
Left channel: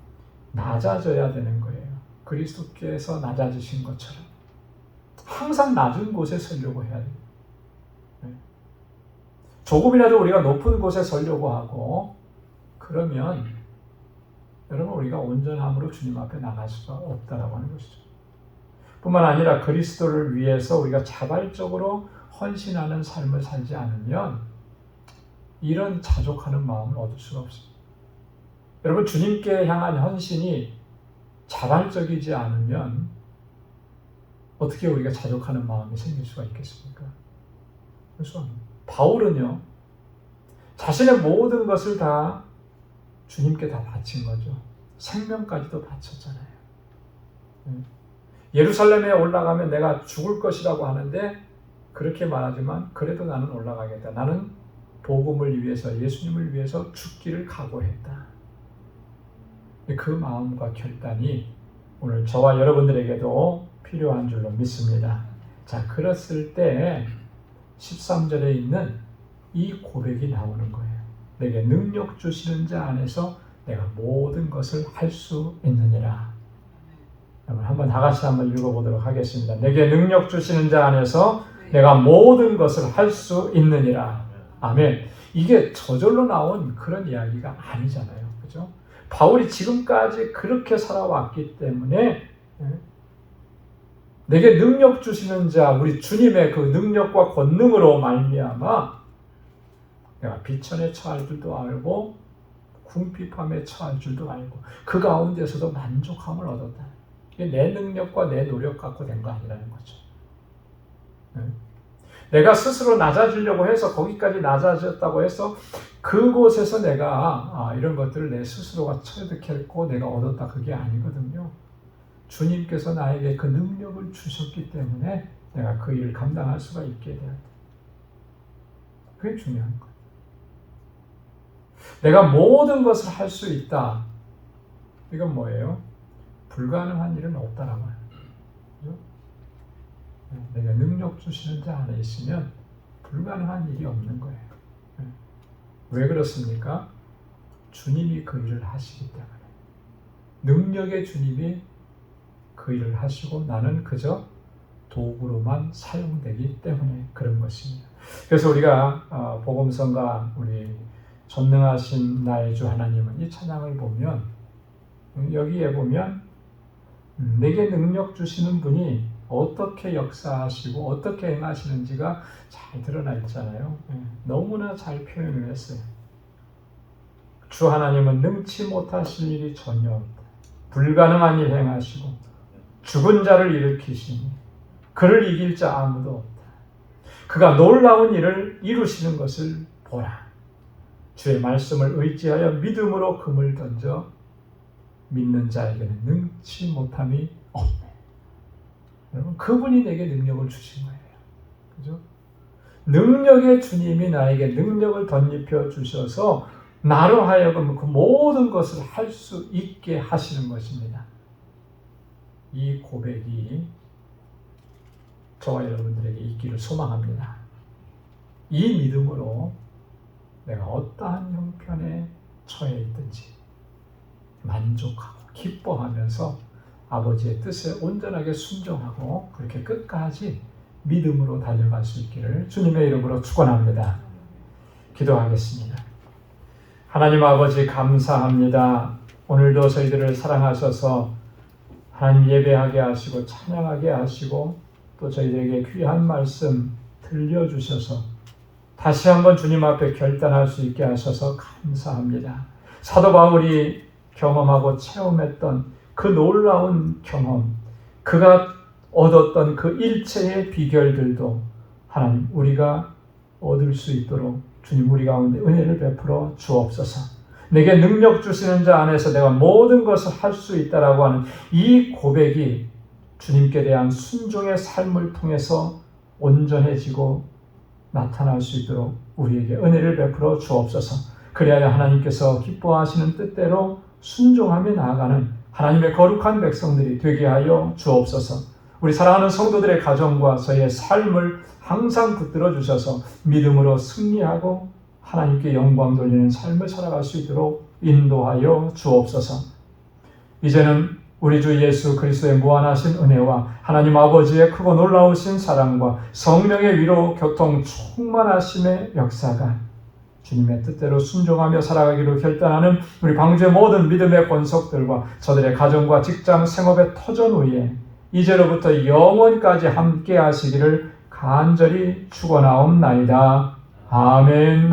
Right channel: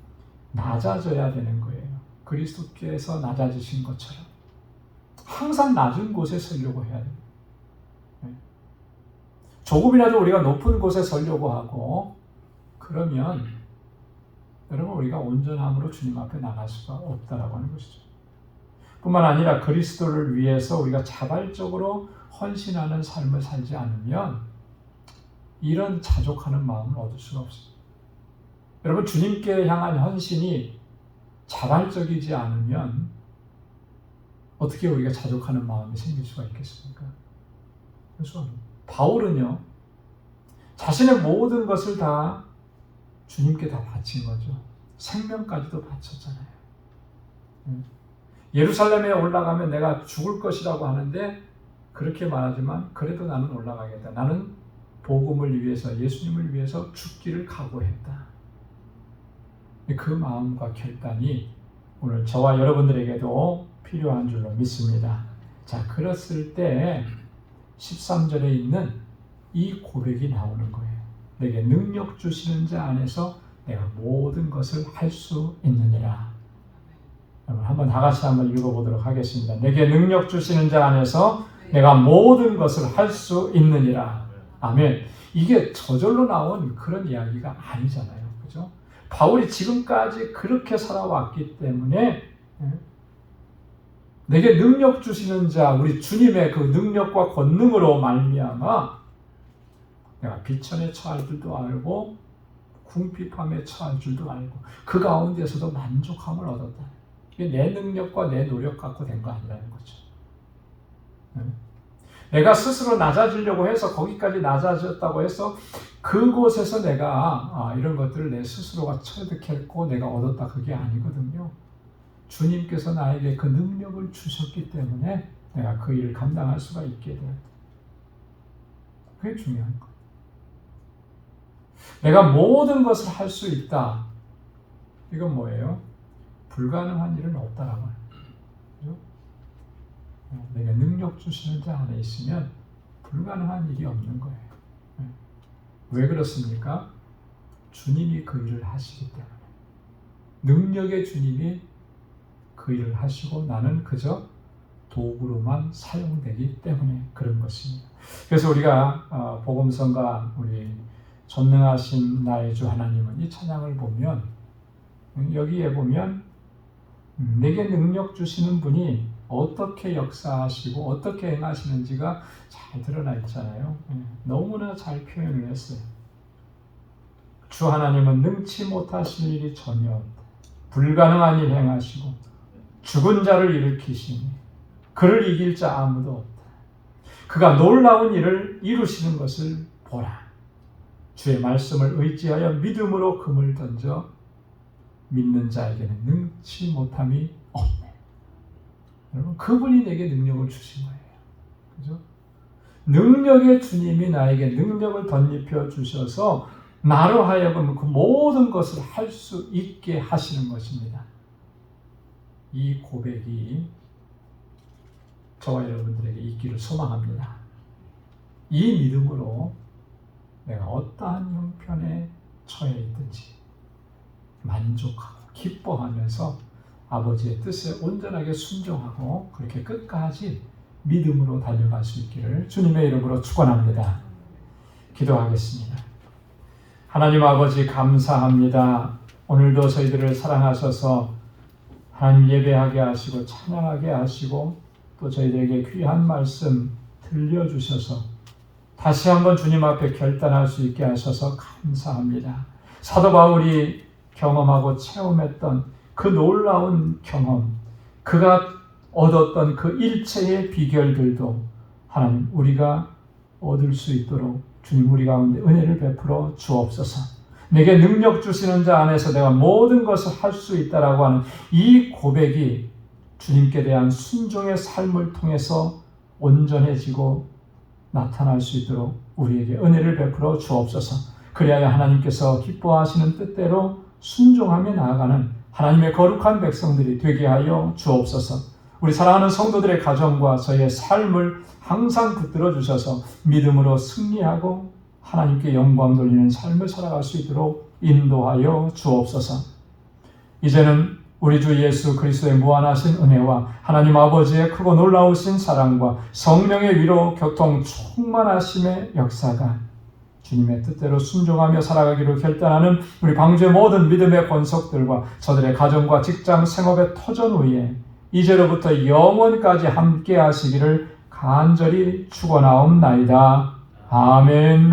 낮아져야 되는 거예요. 그리스도께서 낮아지신 것처럼 항상 낮은 곳에 서려고 해야 돼요. 조금이라도 우리가 높은 곳에 서려고 하고 그러면 여러분 우리가 온전함으로 주님 앞에 나갈 수가 없다라고 하는 것이죠. 뿐만 아니라 그리스도를 위해서 우리가 자발적으로 헌신하는 삶을 살지 않으면 이런 자족하는 마음을 얻을 수가 없습니다. 여러분 주님께 향한 헌신이 자발적이지 않으면 어떻게 우리가 자족하는 마음이 생길 수가 있겠습니까? 그래서 바울은요 자신의 모든 것을 다 주님께 다 바친 거죠. 생명까지도 바쳤잖아요. 예루살렘에 올라가면 내가 죽을 것이라고 하는데 그렇게 말하지만 그래도 나는 올라가겠다. 나는 복음을 위해서, 예수님을 위해서 죽기를 각오했다. 그 마음과 결단이 오늘 저와 여러분들에게도 필요한 줄로 믿습니다. 자, 그랬을 때 13절에 있는 이 고백이 나오는 거예요. 내게 능력 주시는 자 안에서 내가 모든 것을 할 수 있느니라. 한번 다 같이 한번 읽어보도록 하겠습니다. 내게 능력 주시는 자 안에서 내가 모든 것을 할 수 있느니라. 아멘. 이게 저절로 나온 그런 이야기가 아니잖아요. 그죠? 바울이 지금까지 그렇게 살아왔기 때문에 내게 능력 주시는 자, 우리 주님의 그 능력과 권능으로 말미암아 내가 비천에 처할 줄도 알고 궁핍함에 처할 줄도 알고 그 가운데서도 만족함을 얻었다. 이게 내 능력과 내 노력 갖고 된 거 아니라는 거죠. 내가 스스로 낮아지려고 해서 거기까지 낮아졌다고 해서 그곳에서 내가 이런 것들을 내 스스로가 체득했고 내가 얻었다, 그게 아니거든요. 주님께서 나에게 그 능력을 주셨기 때문에 내가 그 일을 감당할 수가 있게 돼요. 그게 중요한 거예요. 내가 모든 것을 할 수 있다. 이건 뭐예요? 불가능한 일은 없다라고요. 내가 능력 주시는 자 안에 있으면 불가능한 일이 없는 거예요. 왜 그렇습니까? 주님이 그 일을 하시기 때문에. 능력의 주님이 그 일을 하시고 나는 그저 도구로만 사용되기 때문에 그런 것입니다. 그래서 우리가 복음성가 우리 전능하신 나의 주 하나님은 이 찬양을 보면 여기에 보면 내게 능력 주시는 분이 어떻게 역사하시고 어떻게 행하시는지가 잘 드러나 있잖아요. 너무나 잘 표현을 했어요. 주 하나님은 능치 못하실 일이 전혀 없다. 불가능한 일 행하시고 죽은 자를 일으키시니 그를 이길 자 아무도 없다. 그가 놀라운 일을 이루시는 것을 보라. 주의 말씀을 의지하여 믿음으로 금을 던져 믿는 자에게는 능치 못함이 없네. 여러분, 그분이 내게 능력을 주신 거예요. 그죠? 능력의 주님이 나에게 능력을 덧입혀 주셔서 나로 하여금 그 모든 것을 할 수 있게 하시는 것입니다. 이 고백이 저와 여러분들에게 있기를 소망합니다. 이 믿음으로 내가 어떠한 형편에 처해 있든지 만족하고 기뻐하면서 아버지의 뜻에 온전하게 순종하고 그렇게 끝까지 믿음으로 달려갈 수 있기를 주님의 이름으로 축원합니다. 기도하겠습니다. 하나님 아버지 감사합니다. 오늘도 저희들을 사랑하셔서 하나님 예배하게 하시고 찬양하게 하시고 또 저희들에게 귀한 말씀 들려주셔서 다시 한번 주님 앞에 결단할 수 있게 하셔서 감사합니다. 사도 바울이 경험하고 체험했던 그 놀라운 경험, 그가 얻었던 그 일체의 비결들도 하나님 우리가 얻을 수 있도록 주님 우리 가운데 은혜를 베풀어 주옵소서. 내게 능력 주시는 자 안에서 내가 모든 것을 할 수 있다라고 하는 이 고백이 주님께 대한 순종의 삶을 통해서 온전해지고 나타날 수 있도록 우리에게 은혜를 베풀어 주옵소서. 그리하여 하나님께서 기뻐하시는 뜻대로 순종하며 나아가는 하나님의 거룩한 백성들이 되게 하여 주옵소서. 우리 사랑하는 성도들의 가정과 저희의 삶을 항상 붙들어 주셔서 믿음으로 승리하고 하나님께 영광 돌리는 삶을 살아갈 수 있도록 인도하여 주옵소서. 이제는 우리 주 예수 그리스도의 무한하신 은혜와 하나님 아버지의 크고 놀라우신 사랑과 성령의 위로 교통 충만하심의 역사가 주님의 뜻대로 순종하며 살아가기로 결단하는 우리 광주의 모든 믿음의 권속들과 저들의 가정과 직장 생업의 터전 위에 이제로부터 영원까지 함께 하시기를 간절히 축원하옵나이다. 아멘.